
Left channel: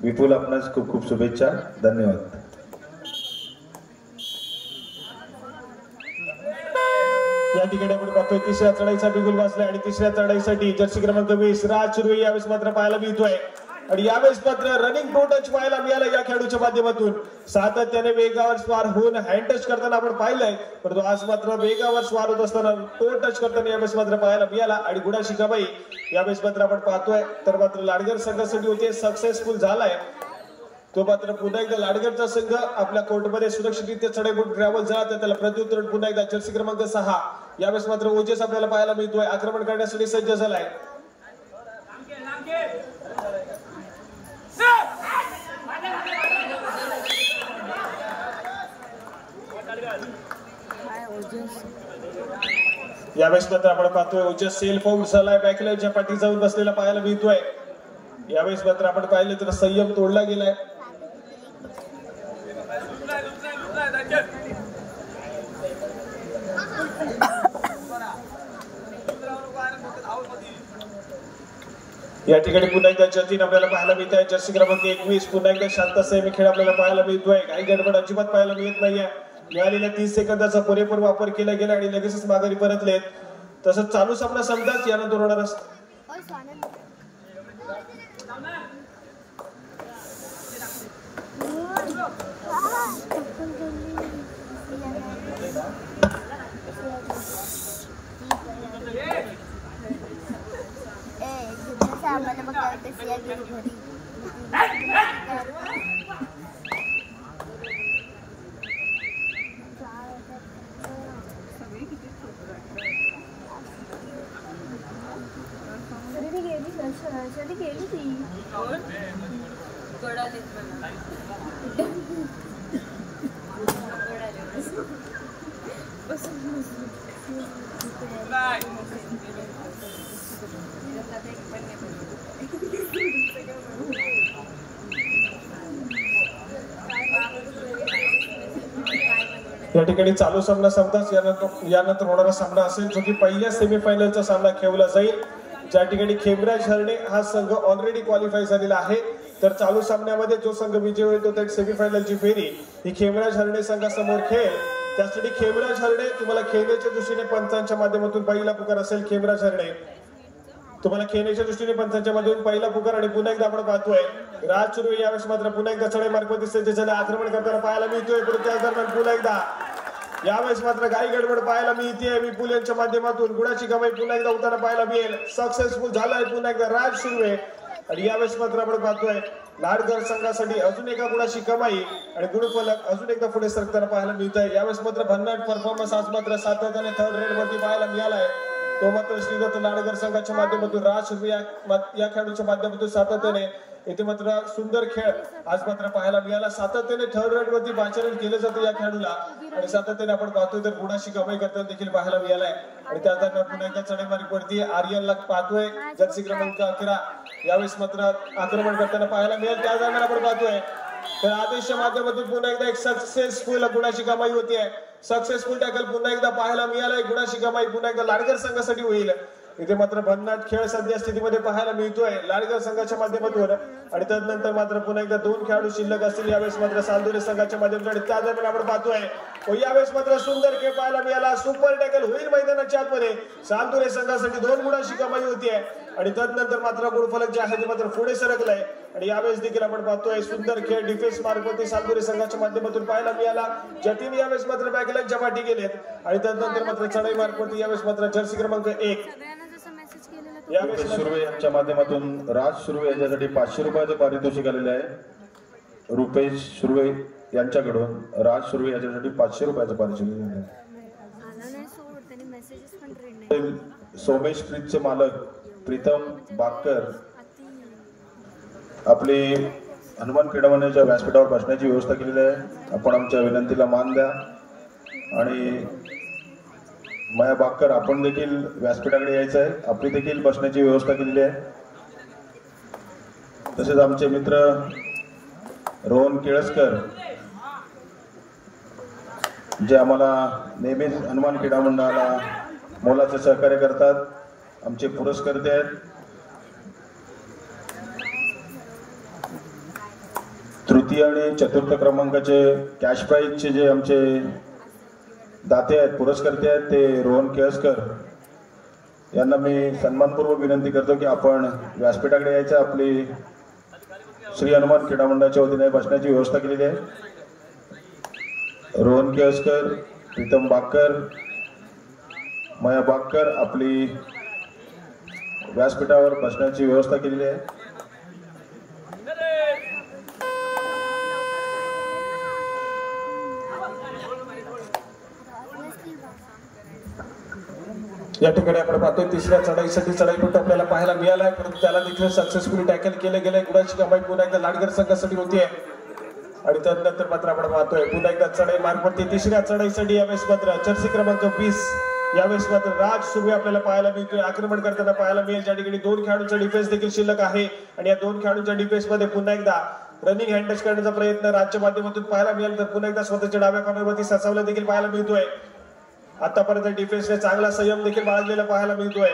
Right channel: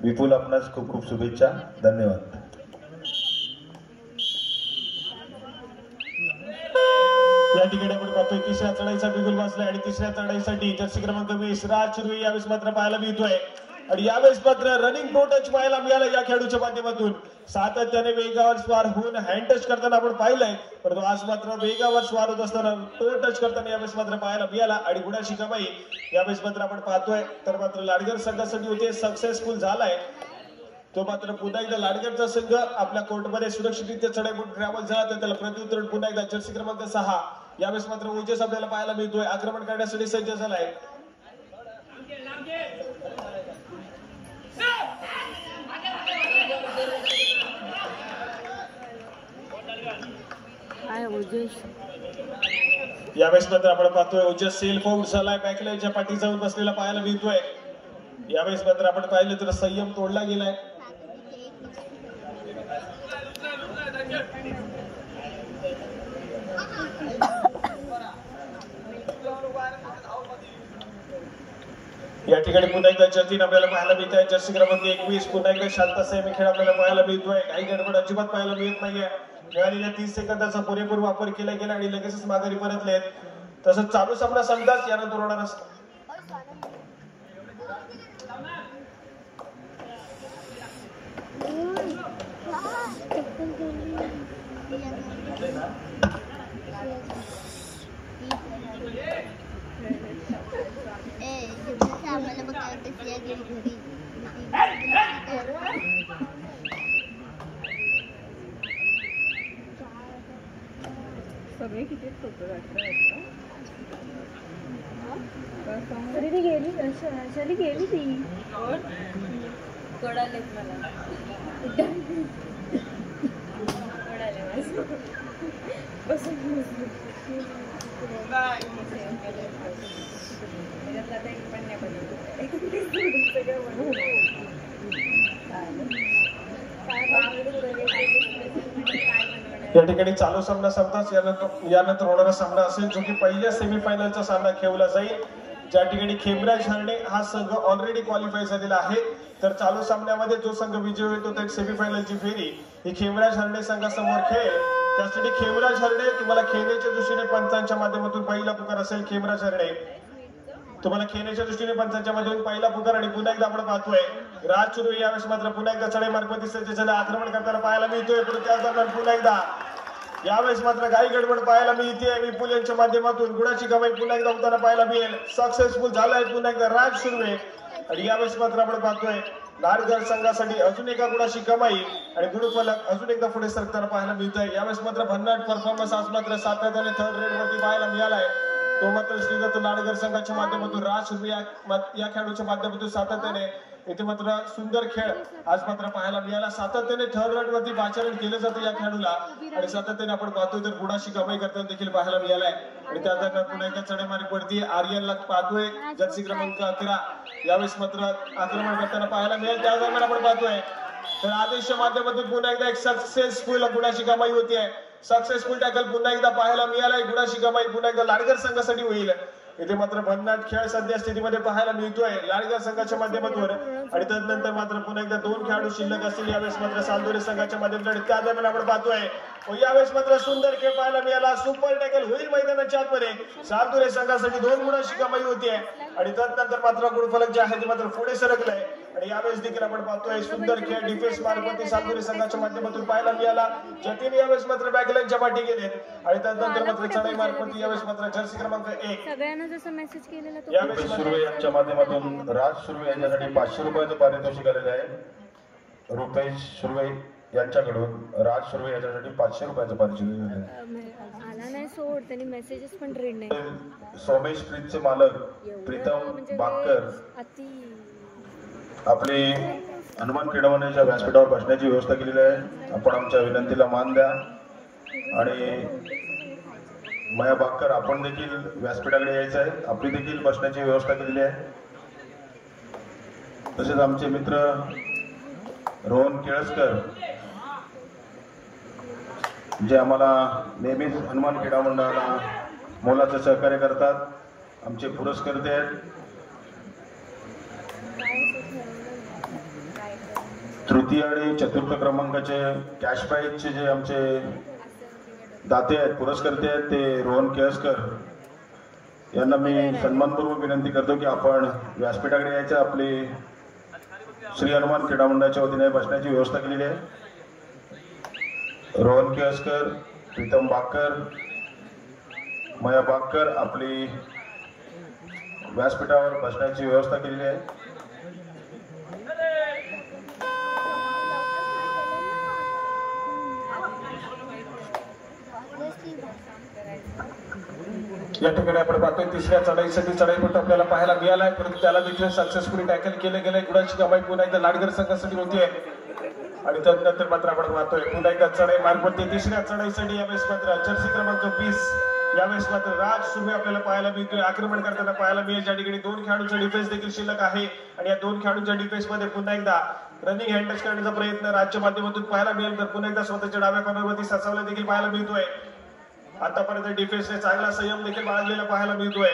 विपुल आपणास खूप खूप शुभेच्छा. धन्यवाद. या ठिकाणी आपण पाहतोय तिसऱ्या चढाईचा बिगुल वाजलाय आणि तिसऱ्या चढाईसाठी जर्सी क्रमांक 20 राज सुर्वे यावेळेस मात्र पाहायला मिळतोय आणि यावेळेस मात्र रनिंग टू टच पाहायला मिळालं या खेळाडूच्या माध्यमातून. सातत्याने वेगावर स्वार होऊन हँड टच करताना आपण पाहिलंय, परंतु आज मात्र वेगावर स्वार होत असताना तो टच करताना यावेळेस मात्र पाहायला मिळाला आणि गुणाची कमाई यावेळेस मात्र आपण पाहतोय. तर मात्र लाडगर संघासाठी होते सक्सेसफुल झालाय. तो मात्र पुन्हा एकदा लाडगरचा संघ आपल्या कोर्टमध्ये सुरक्षितरित्या चढाई ट्रॅव्हल झाला तर त्याला प्रत्युत्तर पुन्हा एकदा जर्सी क्रमांक 6 यावेळेस मात्र ओजस आपल्याला पाहायला मिळतोय आक्रमण करण्यासाठी सज्ज झालाय. यावेळेस मात्र आपण पाहतोय ओजस सेल्फ आउट झालाय. बॅकलाईनच्या पाठी जाऊन बसलेला पाहायला मिळतोय. यावेळेस मात्र आपण पाहिलं तर संयम तोडला गेलाय. या ठिकाणी पुन्हा एकदा जतीन आपल्याला पाहायला मिळत आहे. जर्सी क्रमांक 21 पुन्हा एकदा शांत संयमी खेळ आपल्याला पाहायला मिळतोय. काही गडबड अजिबात पाहायला मिळत नाहीये. मिळालेल्या 30 सेकंदाचा पुरेपूर वापर केला गेला आणि लगेचच माघारी परतलेत. तसंच चालू सामना संपताच यानंतर होणार असतो. गेली ती या ठिकाणी चालू सामना संपताच यानंतर होणारा सामना असेल जो की पहिल्या सेमीफायनलचा सामना खेळला जाईल. ज्या ठिकाणी खेमराज हरणे हा संघ ऑलरेडी क्वालिफाय झालेला आहे. तर चालू सामन्यामध्ये जो संघ विजय होईल तो त्या सेमीफायनलची फेरी ही खेमराज हरणे संघासमोर खेळ. त्यासाठी खेमराज हरणे तुम्हाला खेळण्याच्या दृष्टीने पंचांच्या माध्यमातून पहिला पुकार असेल. खेमराज हरणे तुम्हाला खेळण्याच्या दृष्टीने पंचांच्या माध्यमातून पहिला पुकार. आणि पुन्हा एकदा आपण पाहतोय राज सुर्वे यावेळेस मात्र पुन्हा एकदा चढाई मार्गवरती सज्ज झाला आक्रमण करताना पाहायला मिळतोय. परंतु त्या दरम्यान पुन्हा एकदा यावेळेस मात्र काही गडबड पाहायला मिळते. विपुल यांच्या माध्यमातून गुणाची कमाई पुन्हा एकदा होताना पाहायला मिळेल. सक्सेसफुल झालाय पुन्हा एकदा राज सुर्वे. आणि यावेळेस मात्र आपण पाहतोय नाडगर संघासाठी अजून एका गुणाची कमाई आणि गुणफलक अजून एकदा पुढे सरकताना पाहायला मिळत आहे. यावेळेस मात्र भन्नाट परफॉर्मन्स आज मात्र सातत्याने थर्ड रेड वरती पाहायला मिळालाय. तो मात्र श्रीदत्त नाडगर संघाच्या माध्यमातून राज सुर्वे या खेळाडूच्या माध्यमातून सातत्याने येथे मात्र सुंदर खेळ आज मात्र पाहायला मिळाला. सातत्याने थर्ड रेड वरती पाचारण केलं जातं या खेळाडूला आणि सातत्याने आपण पाहतोय तर गुणाची कमाई करताना देखील पाहायला मिळालाय. आणि त्या दरम्यान पुन्हा एकदा चढाईमार्गवरती आर्यनला पाहतोय जर्सी क्रमांक 11 यावेळेस मात्र आक्रमण करताना पाहायला मिळेल. त्या दरम्यान आपण पाहतोय तर आदेशच्या माध्यमातून पुन्हा एकदा एक सक्सेसफुल गुणाची कमाई होती आहे. सक्सेसफुल टॅकल पुन्हा एकदा पाहायला मिळालाय. गुणाची कमाई पुन्हा एकदा लाडगर संघासाठी होईल. इथे मात्र भन्नाट खेळ सध्या स्थितीमध्ये पाहायला मिळतोय लाडगर संघाच्या माध्यमातून. आणि त्यानंतर मात्र पुन्हा एकदा 2 खेळाडू शिल्लक असतील यावेळेस मात्र सांदोरे संघाच्या माध्यमातून. आणि त्या दरम्यान आपण पाहतोय यावेळेस मात्र सुंदर खेळ पाहायला मिळाला. सुपर टॅकल होईल मैदानाच्या आतमध्ये. सांदोरे संघासाठी 2 गुणाची कमाई होतीये आणि त्यानंतर मात्र गुणफलक जे आहे ते मात्र पुढे सरकलाय. आणि यावेळेस देखील आपण पाहतोय सुंदर खेळ डिफेन्स मार्गवरती सांदोरे संघाच्या माध्यमातून पाहायला मिळाला. जतीन यावेळेस मात्र बॅकलाईनच्या पाठी गेलेत आणि त्यानंतर मात्र चढाई मार्गवरती यावेळेस मात्र जर्सी क्रमांक 1 जसा मेसेज केलेला यावेळेस सुर्वे यांच्या माध्यमातून राज सुर्वे याच्यासाठी 500 रुपयाचं पारितोषिक आलेलं आहे. रुपेश सुर्वे यांच्याकडून राज सुर्वे याच्यासाठी 500 रुपयाचं पारितोषिक आलेलं आहे. आला नाही सोड त्यांनी मेसेजेस पण रीड नाही. सोमेश प्रीतचे मालक प्रीतम बाकर आपली हनुमान क्रीडा मंडळाच्या व्यासपीठावर बसण्याची व्यवस्था केलेली आहे. आपण आमच्या विनंतीला मान द्या. आणि माया बाकर आपण देखील व्यासपीठाकडे यायचं आहे. आपली देखील बसण्याची व्यवस्था केलेली आहे. तसेच आमचे मित्र रोहन केळसकर जे आम्हाला नेहमीच हनुमान क्रीडा मंडळाला मोलाचं सहकार्य करतात. आमचे पुरस्कर्ते आहेत. तृतीय आणि चतुर्थ क्रमांकाचे कॅश प्राईजचे जे आमचे दाते आहेत पुरस्कर्ते आहेत ते रोहन केळसकर यांना मी सन्मानपूर्वक विनंती करतो की आपण व्यासपीठाकडे यायचं. आपली श्री हनुमान क्रीडा मंडळाच्या वतीने बसण्याची व्यवस्था केलेली आहे. रोहन केळसकर, प्रीतम बाकर, माया बाकर आपली व्यासपीठावर बसण्याची व्यवस्था केलेली आहे. या ठिकाणी आपण पाहतोय तिसऱ्या चढाईसाठी चढाईपट्ट आपल्याला पाहायला मिळालाय. परंतु त्याला देखील सक्सेसफुली टॅकल केलं गेलंय. गुणाची कमाई पुन्हा एकदा लाडगर संघासाठी होतीये. आणि त्यानंतर मात्र आपण पाहतोय पुन्हा एकदा चढाई मार्गवरती तिसऱ्या चढाईसाठी यावेळेस मात्र जर्सी क्रमांक 20 यावेळेस मात्र राज सुर्वे आपल्याला पाहायला मिळतोय. आक्रमण करताना पाहायला मिळेल. ज्या ठिकाणी 2 खेळाडूंचा डिफेन्स देखील शिल्लक आहे. आणि या 2 खेळाडूंच्या डिफेन्स मध्ये पुन्हा एकदा रनिंग हँड टच करण्याचा प्रयत्न राज्य माध्यमातून पाहायला मिळेल. तर पुन्हा एकदा स्वतःच्या डाव्या कॉर्नरवरती ससावला देखील पाहायला मिळतोय. आतापर्यंत डिफेन्सने चांगला संयम देखील बाळगलेला पाहायला मिळतोय.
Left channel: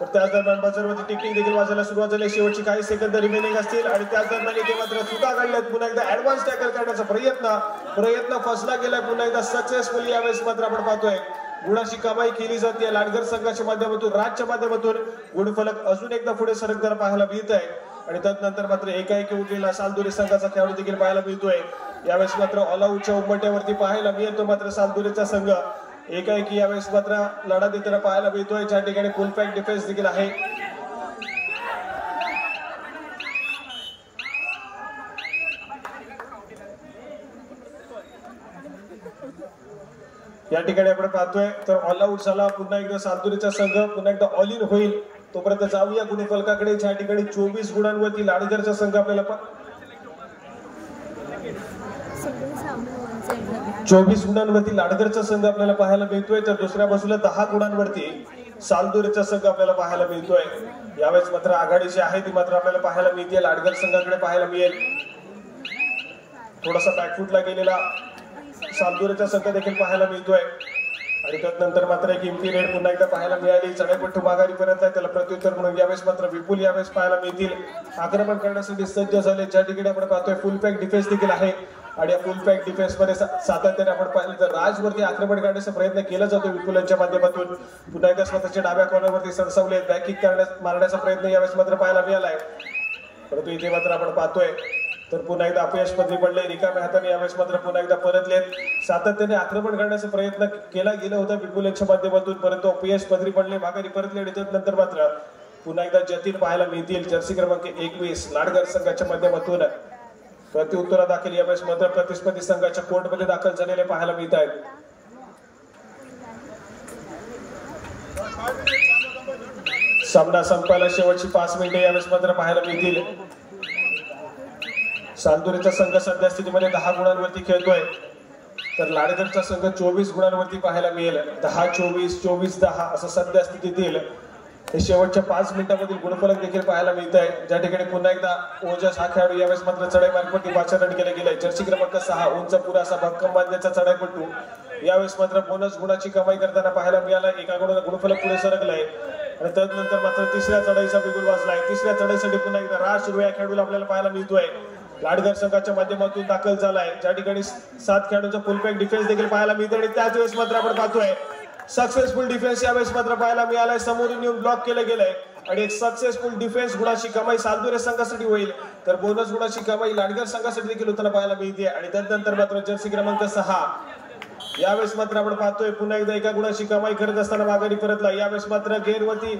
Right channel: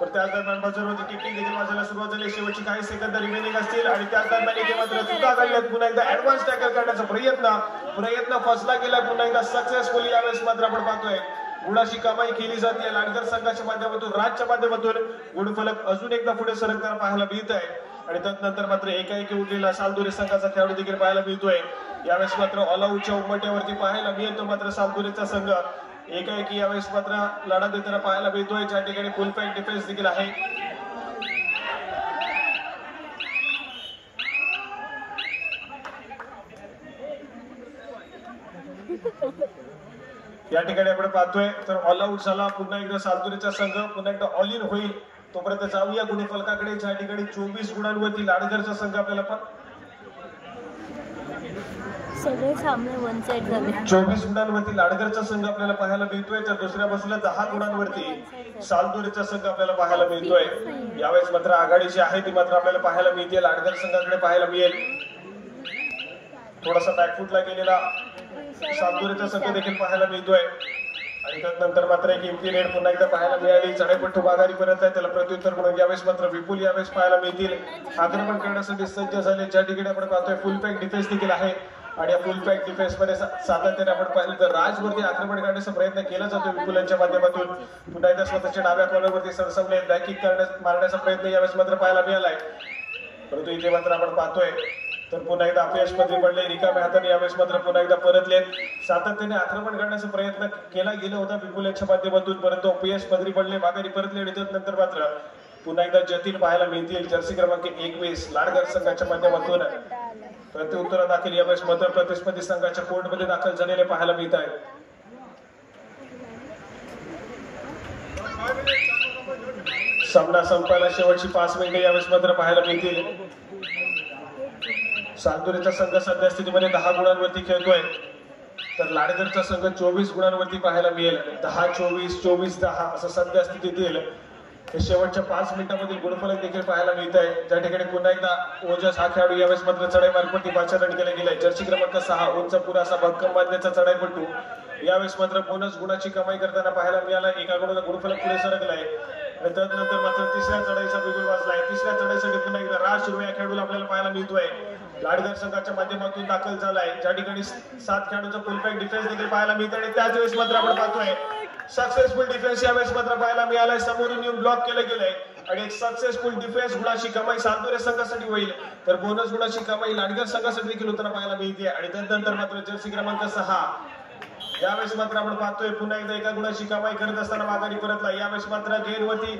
तर त्याच दरम्यान बाजूवरती टिकिंग देखील वाजायला सुरुवात झाली. शेवटची काही सेकंद रिमेनिंग असतील आणि त्याच दरम्यान इथे मात्र चुका घडल्यात. पुन्हा एकदा ऍडव्हान्स टॅकल करण्याचा प्रयत्न फसला गेला. पुन्हा एकदा सक्सेसफुली यावेळेस मात्र आपण पाहतोय गुणाची कमाई केली जाते लाडगर संघाच्या माध्यमातून. राजच्या माध्यमातून गुणफलक अजून एकदा पुढे सरकताना पाहायला मिळत आहे आणि त्यानंतर मात्र एकाएकी उठलेला सालदुरे संघाचा खेळाडू देखील पाहायला मिळतोय. यावेळेस मात्र ऑल आऊटच्या उंबरठ्यावरती पाहायला मिळतो मात्र सालदुरेचा संघ एकाएकी यावेळेस मात्र लढा देताना पाहायला मिळतोय. ज्या ठिकाणी फुल पॅक डिफेन्स देखील आहे. या ठिकाणी आपण पाहतोय तर ऑल आऊट झाला पुन्हा एकदा सालदुरेचा संघ पुन्हा एकदा ऑल इन होईल. तोपर्यंत जाऊया गुणफलकाकडे ज्या ठिकाणी 24 गुणांवरती लाडगरचा संघ आपल्याला 24 गुणांवरती लाडगरचा संघ आपल्याला पाहायला मिळतोय तर दुसऱ्या बाजूला 10 गुणांवरती सालदुरेचा संघ आपल्याला पाहायला मिळतोय. यावेळेस मात्र आघाडी जी आहे ती मात्र आपल्याला पाहायला मिळते लाडगर संघाकडे पाहायला मिळेल. थोडासा बॅकफुटला गेलेला सालदुरेचा संघ देखील पाहायला मिळतोय आणि त्यानंतर मात्र एक इम्पिरियड पुन्हा एकदा पाहायला मिळाली. चढाईपट्टू माघारीपर्यंत आहे त्याला प्रत्युत्तर म्हणून यावेळेस मात्र विपुल यावेळेस पाहायला मिळतील. आक्रमण करण्यासाठी सज्ज झाले. ज्या ठिकाणी आपण पाहतोय फुल पॅक डिफेन्स देखील आहे आणि या फुल पॅक डिफेन्स मध्ये सातत्याने आपण पाहिलं तर राजवरती आक्रमण करण्याचा प्रयत्न केला जातो विपुल यांच्या माध्यमातून. पुन्हा एकदा स्वतःच्या डाव्या कॉर्नरवरती सरसवले बॅकिंग मारण्याचा प्रयत्न यावेळेस मात्र पाहायला मिळालाय परंतु इथे मात्र आपण पाहतोय तर पुन्हा एकदा अपयश पदरी पडले. रिकाम्या हाताने यावेळेस मात्र पुन्हा एकदा परतलेत. सातत्याने आक्रमण करण्याचा प्रयत्न केला गेला होता विपुल यांच्या माध्यमातून परंतु अपयश पदरी पडले. माघारी परतले आणि त्यानंतर मात्र पुन्हा एकदा जतीन पाहायला मिळतील. जर्सी क्रमांक 21 लाडगर संघाच्या माध्यमातून प्रत्युत्तरा दाखल यावेळेस मध्य प्रतिस्पर्धी संघाच्या कोर्टमध्ये दाखल झालेले पाहायला मिळत आहेत. सामना संपायला शेवटची 5 मिनिटे यावेळेस मात्र पाहायला मिळतील. सालदुरेचा संघ सध्या स्थितीमध्ये 10 गुणांवरती खेळतोय तर लाडगरचा संघ 24 गुणांवरती पाहायला मिळेल. 10-24 24-10 असं सध्या स्थितीतील हे शेवटच्या 5 मिनिटांमधील गुणफलक देखील पाहायला मिळत आहे. ज्या ठिकाणी पुन्हा एकदा ओजस हा खेळाडू यावेळेस मात्र चढाई मार्फत पाचारण केले गेले. जर्सी क्रमांक 6 उंच पुरा असा भक्कम बांधण्याचा चढाईपट्टू यावेळेस मात्र बोनस गुणाची कमाई करताना पाहायला मिळाला. एका गुणाला गुणफलक पुढे सरकलाय आणि त्यानंतर मात्र तिसऱ्या चढाईचा बिगुल वाजलाय. तिसऱ्या चढाईसाठी पुन्हा एकदा राज सुरू या खेळाडूला आपल्याला पाहायला मिळतोय. लाडगर संघाच्या माध्यमातून दाखल झालाय. ज्या ठिकाणी 7 खेळाडूंचा फुल पॅक डिफेन्स देखील पाहायला मिळतो आणि त्याच वेळेस मात्र आपण पाहतोय सक्सेसफुल डिफेन्स यावेळेस मात्र पाहायला मिळालाय. समोरून येऊन ब्लॉक केलं गेलंय आणि एक सक्सेसफुल डिफेन्स गुणाची कमाई सालदुरे संघासाठी होईल तर बोनस गुणाची कमाई लाडगर संघासाठी देखील होताना पाहायला मिळते. आणि त्यानंतर मात्र जर्सी क्रमांक 6 यावेळेस मात्र आपण पाहतोय पुन्हा एकदा एका गुणाची कमाई करत असताना माघारी परतला. यावेळेस मात्र गेरवरती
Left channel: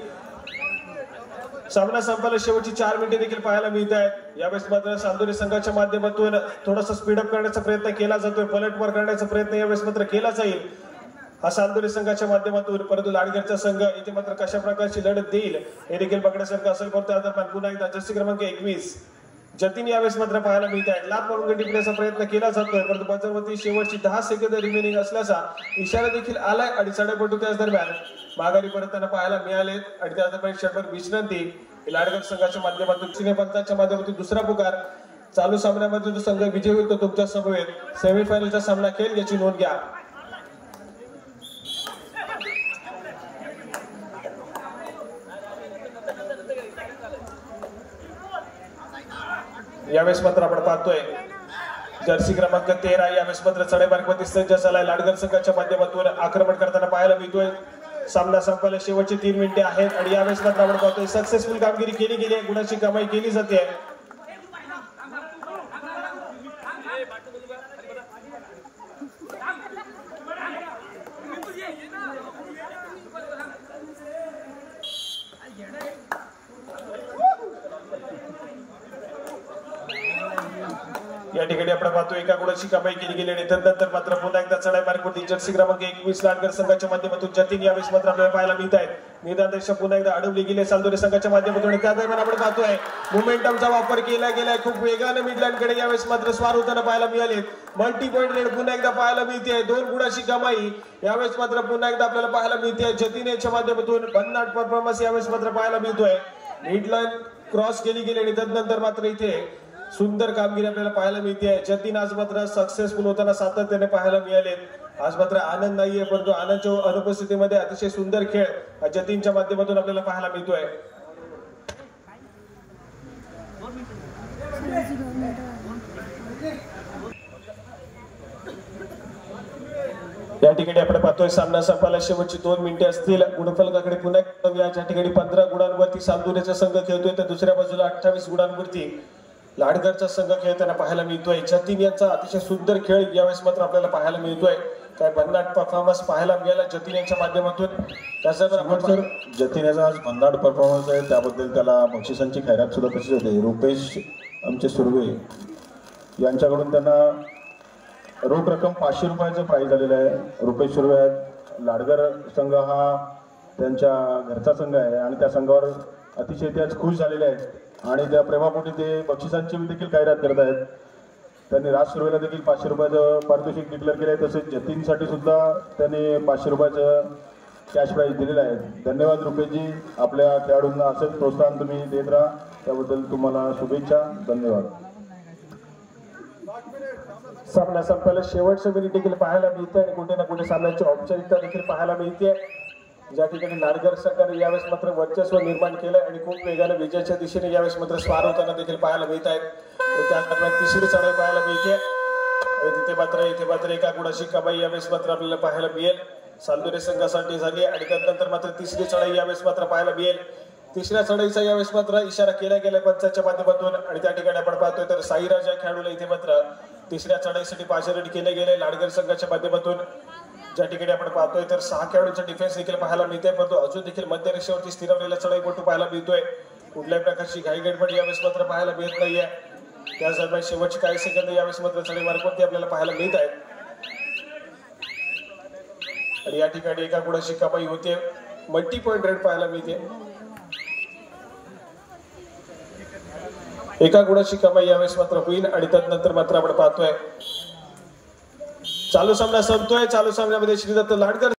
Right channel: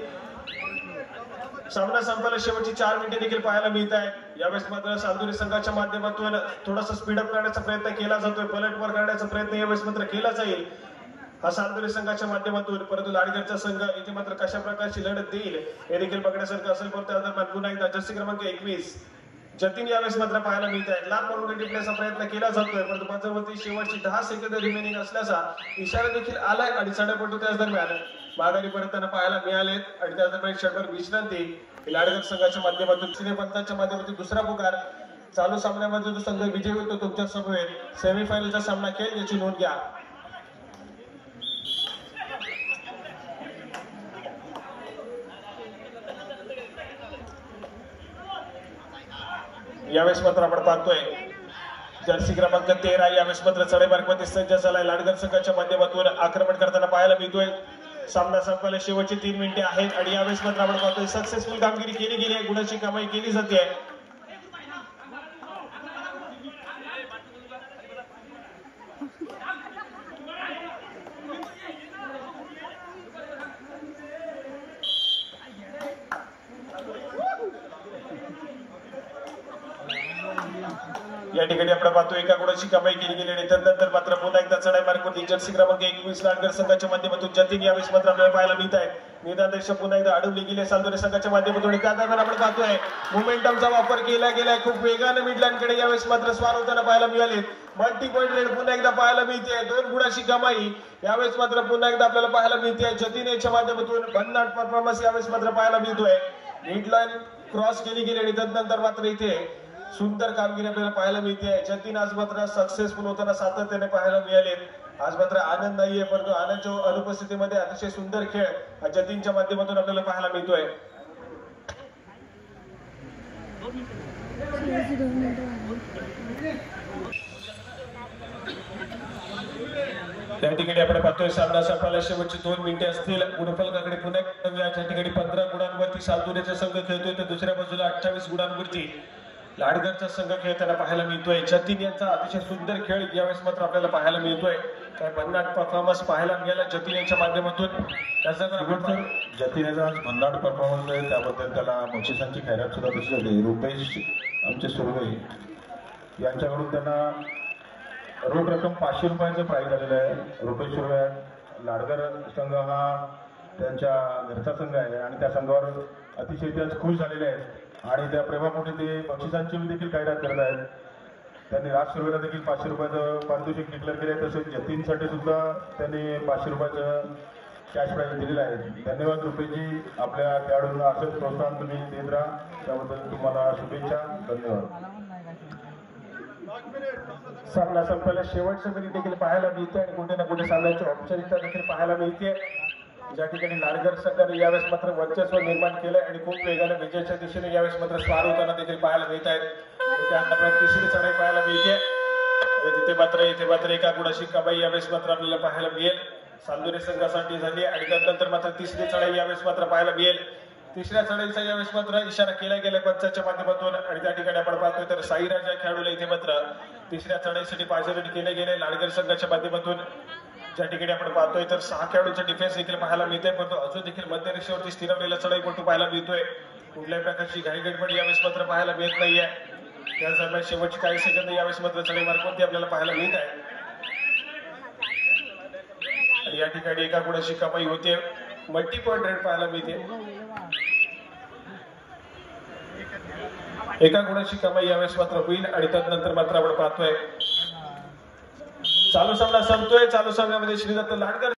सामना संपायला शेवटची 4 मिनिटे देखील पाहायला मिळत आहे. यावेळेस मात्र सालदुरे संघाच्या माध्यमातून थोडासा स्पीडअप करण्याचा प्रयत्न केला जातोय. पलटवार करण्याचा प्रयत्न यावेळेस मात्र केला जाईल हा सालदुरे संघाच्या माध्यमातून परंतु लाडगरचा संघ इथे मात्र कशा प्रकारची लढत देईल हे देखील बघण्यासारखं असेल. परंतु पुन्हा एकदा जर्सी क्रमांक 21 जतीन यावेळेस मात्र पाहायला मिळत आहे. लात मारून टिकण्याचा प्रयत्न केला जातोय परंतु बाजारवरती शेवटची 10 सेकंद रिमेनिंग असल्याचा इशारा देखील आलाय आणि चढाईपट्टू त्याच दरम्यान माघारी परतताना पाहायला मिळालेत आणि त्या दरम्यान क्षणभर विश्रांती लाडगर संघाच्या माध्यमातून सूर्यपंतांच्या माध्यमातून दुसरा पुकार. चालू सामन्यामध्ये जो संघ विजयी होतो तुमच्या समवेत सेमीफायनलचा सामना खेळ याची नोंद घ्या. यावेळेस मात्र आपण पाहतोय जर्सी क्रमांक 13 यावेळेस मात्र चढाई मार्गामध्ये सज्ज झालाय. लाडगर संघाच्या माध्यमातून आक्रमण करताना पाहायला मिळतोय. सामना संपायला शेवटची 3 मिनिटे आहेत आणि यावेळेस मात्र आपण पाहतोय सक्सेसफुल कामगिरी केली गेली आहे. गुणाची कमाई केली जाते. या ठिकाणी आपण पाहतो एका गुणाची कमाई केली गेली आणि त्यानंतर मात्र पुन्हा एकदा चढाई मार्गावरती जर्सी क्रमांक 21 लाडगर संघाच्या माध्यमातून जतीन यावेळेस मात्र आपल्याला पाहायला मिळत आहे. निदान देश पुन्हा एकदा अडवली गेली सालदुरे संघाच्या माध्यमातून आणि त्या दरम्यान आपण पाहतोय मोमेंटमचा वापर केला गेलाय. खूप वेगाने मिडलँडकडे यावेळेस मात्र स्वार होताना पाहायला मिळाले. मल्टी पॉईंट रेड पुन्हा एकदा पाहायला मिळते. 2 गुणाची कमाई यावेळेस मात्र पुन्हा एकदा आपल्याला पाहायला मिळते. जतीन याच्या माध्यमातून भन्नाट परफॉर्मन्स यावेळेस मात्र पाहायला मिळतोय. मिडलाईन क्रॉस केली गेली आणि त्यानंतर मात्र इथे सुंदर कामगिरी आपल्याला पाहायला मिळते. जतीन आज मात्र सक्सेसफुल होताना सातत्याने पाहायला मिळाले. आज मात्र आनंद नाहीये परंतु आनंदच्या अनुपस्थितीमध्ये अतिशय सुंदर खेळ जतीनच्या माध्यमातून आपल्याला पाहायला मिळतोय. या ठिकाणी आपण पाहतोय सामना संपायला शेवटची 2 मिनिटे असतील. गुणफलकाकडे पुन्हा या ठिकाणी 15 गुणांवरती सालदुरेचा संघ खेळतोय तर दुसऱ्या बाजूला 28 गुणांवरती लाडघरचा संघ खेळताना पाहायला मिळतोय. जतीन यांचा अतिशय सुंदर खेळ यावेळेस मात्र आपल्याला पाहायला मिळतोय. काय भन्नाट परफॉर्मन्स पाहायला मिळाला जतीन यांच्या माध्यमातून. त्याचबरोबर जतीन याचा आज भन्नाट परफॉर्मन्स आहे, त्याबद्दल त्याला बक्षिसांची खैरात सुद्धा तशी होते. रुपेश आमचे सुर्वे यांच्याकडून त्यांना रोख रक्कम 500 रुपयाचे प्राईज झालेलं आहे. रुपेश सुर्वे लाडघर संघ हा त्यांच्या घरचा संघ आहे आणि त्या संघावर अतिशय ते आज खुश झालेले आहेत आणि त्या प्रेमापोटी ते बक्षिसांची देखील खैरात करत आहेत. त्यांनी राज सुर्वेला देखील 500 रुपयाचं पारितोषिक डिक्लेअर केलं आहे. तसेच जतीनसाठी सुद्धा त्यांनी 500 रुपयाचं कॅश प्राईज दिलेलं आहे. धन्यवाद रुपेशजी, आपल्या खेळाडूंना असंच प्रोत्साहन तुम्ही देत राहा, त्याबद्दल तुम्हाला शुभेच्छा. धन्यवाद. सामना संपायला शेवटचं मिनिट देखील पाहायला मिळते आणि कुठे ना कुठे सामन्याची औपचारिकता देखील पाहायला मिळते. ज्या ठिकाणी लाडघर संघाने यावेळेस मात्र वर्चस्व निर्माण केलंय आणि खूप वेगाने विजयाच्या दिशेने यावेळेस मात्र स्वार होताना देखील पाहायला मिळत आहेत. त्यानंतर तिसरी चढाई पाहायला मिळते. इथे मात्र एका गुणाची कमाई यावेळेस मात्र आपल्याला पाहायला मिळेल. सालदुरे संघासाठी झाली आणि त्यानंतर मात्र तिसरी चढाई यावेळेस मात्र पाहायला मिळेल. तिसऱ्या चढाईचा यावेळेस मात्र इशारा केला गेला पंचाच्या माध्यमातून आणि त्या ठिकाणी आपण पाहतोय तर साईराज या खेळाडूला इथे मात्र तिसऱ्या चढाईसाठी पाचारण केले गेले लाडघर संघाच्या माध्यमातून. ज्या ठिकाणी आपण पाहतोय तर 6 खेळाडूंचा डिफेन्स देखील पाहायला मिळतोय, परंतु अजून देखील मध्य रेषेवरती स्थिरवलेला चढाईपटू पाहायला मिळतोय. कुठल्याही प्रकारची घाई गडबड यावेळेस मात्र पाहायला मिळत नाहीये. त्याचबरोबर शेवटचे काही सेकंद यावेळेस मात्र चढाई मार्फत आपल्याला पाहायला मिळत आहे आणि या ठिकाणी एका गुणाची कमाई होते. मल्टी पॉइंट रेट पाहायला मिळते. एका गुणाची कमाई यावेळेस मात्र होईल आणि त्यानंतर मात्र आपण पाहतोय चालू सामना संपतोय. चालू सामन्यामध्ये श्रीदत्त लाडकर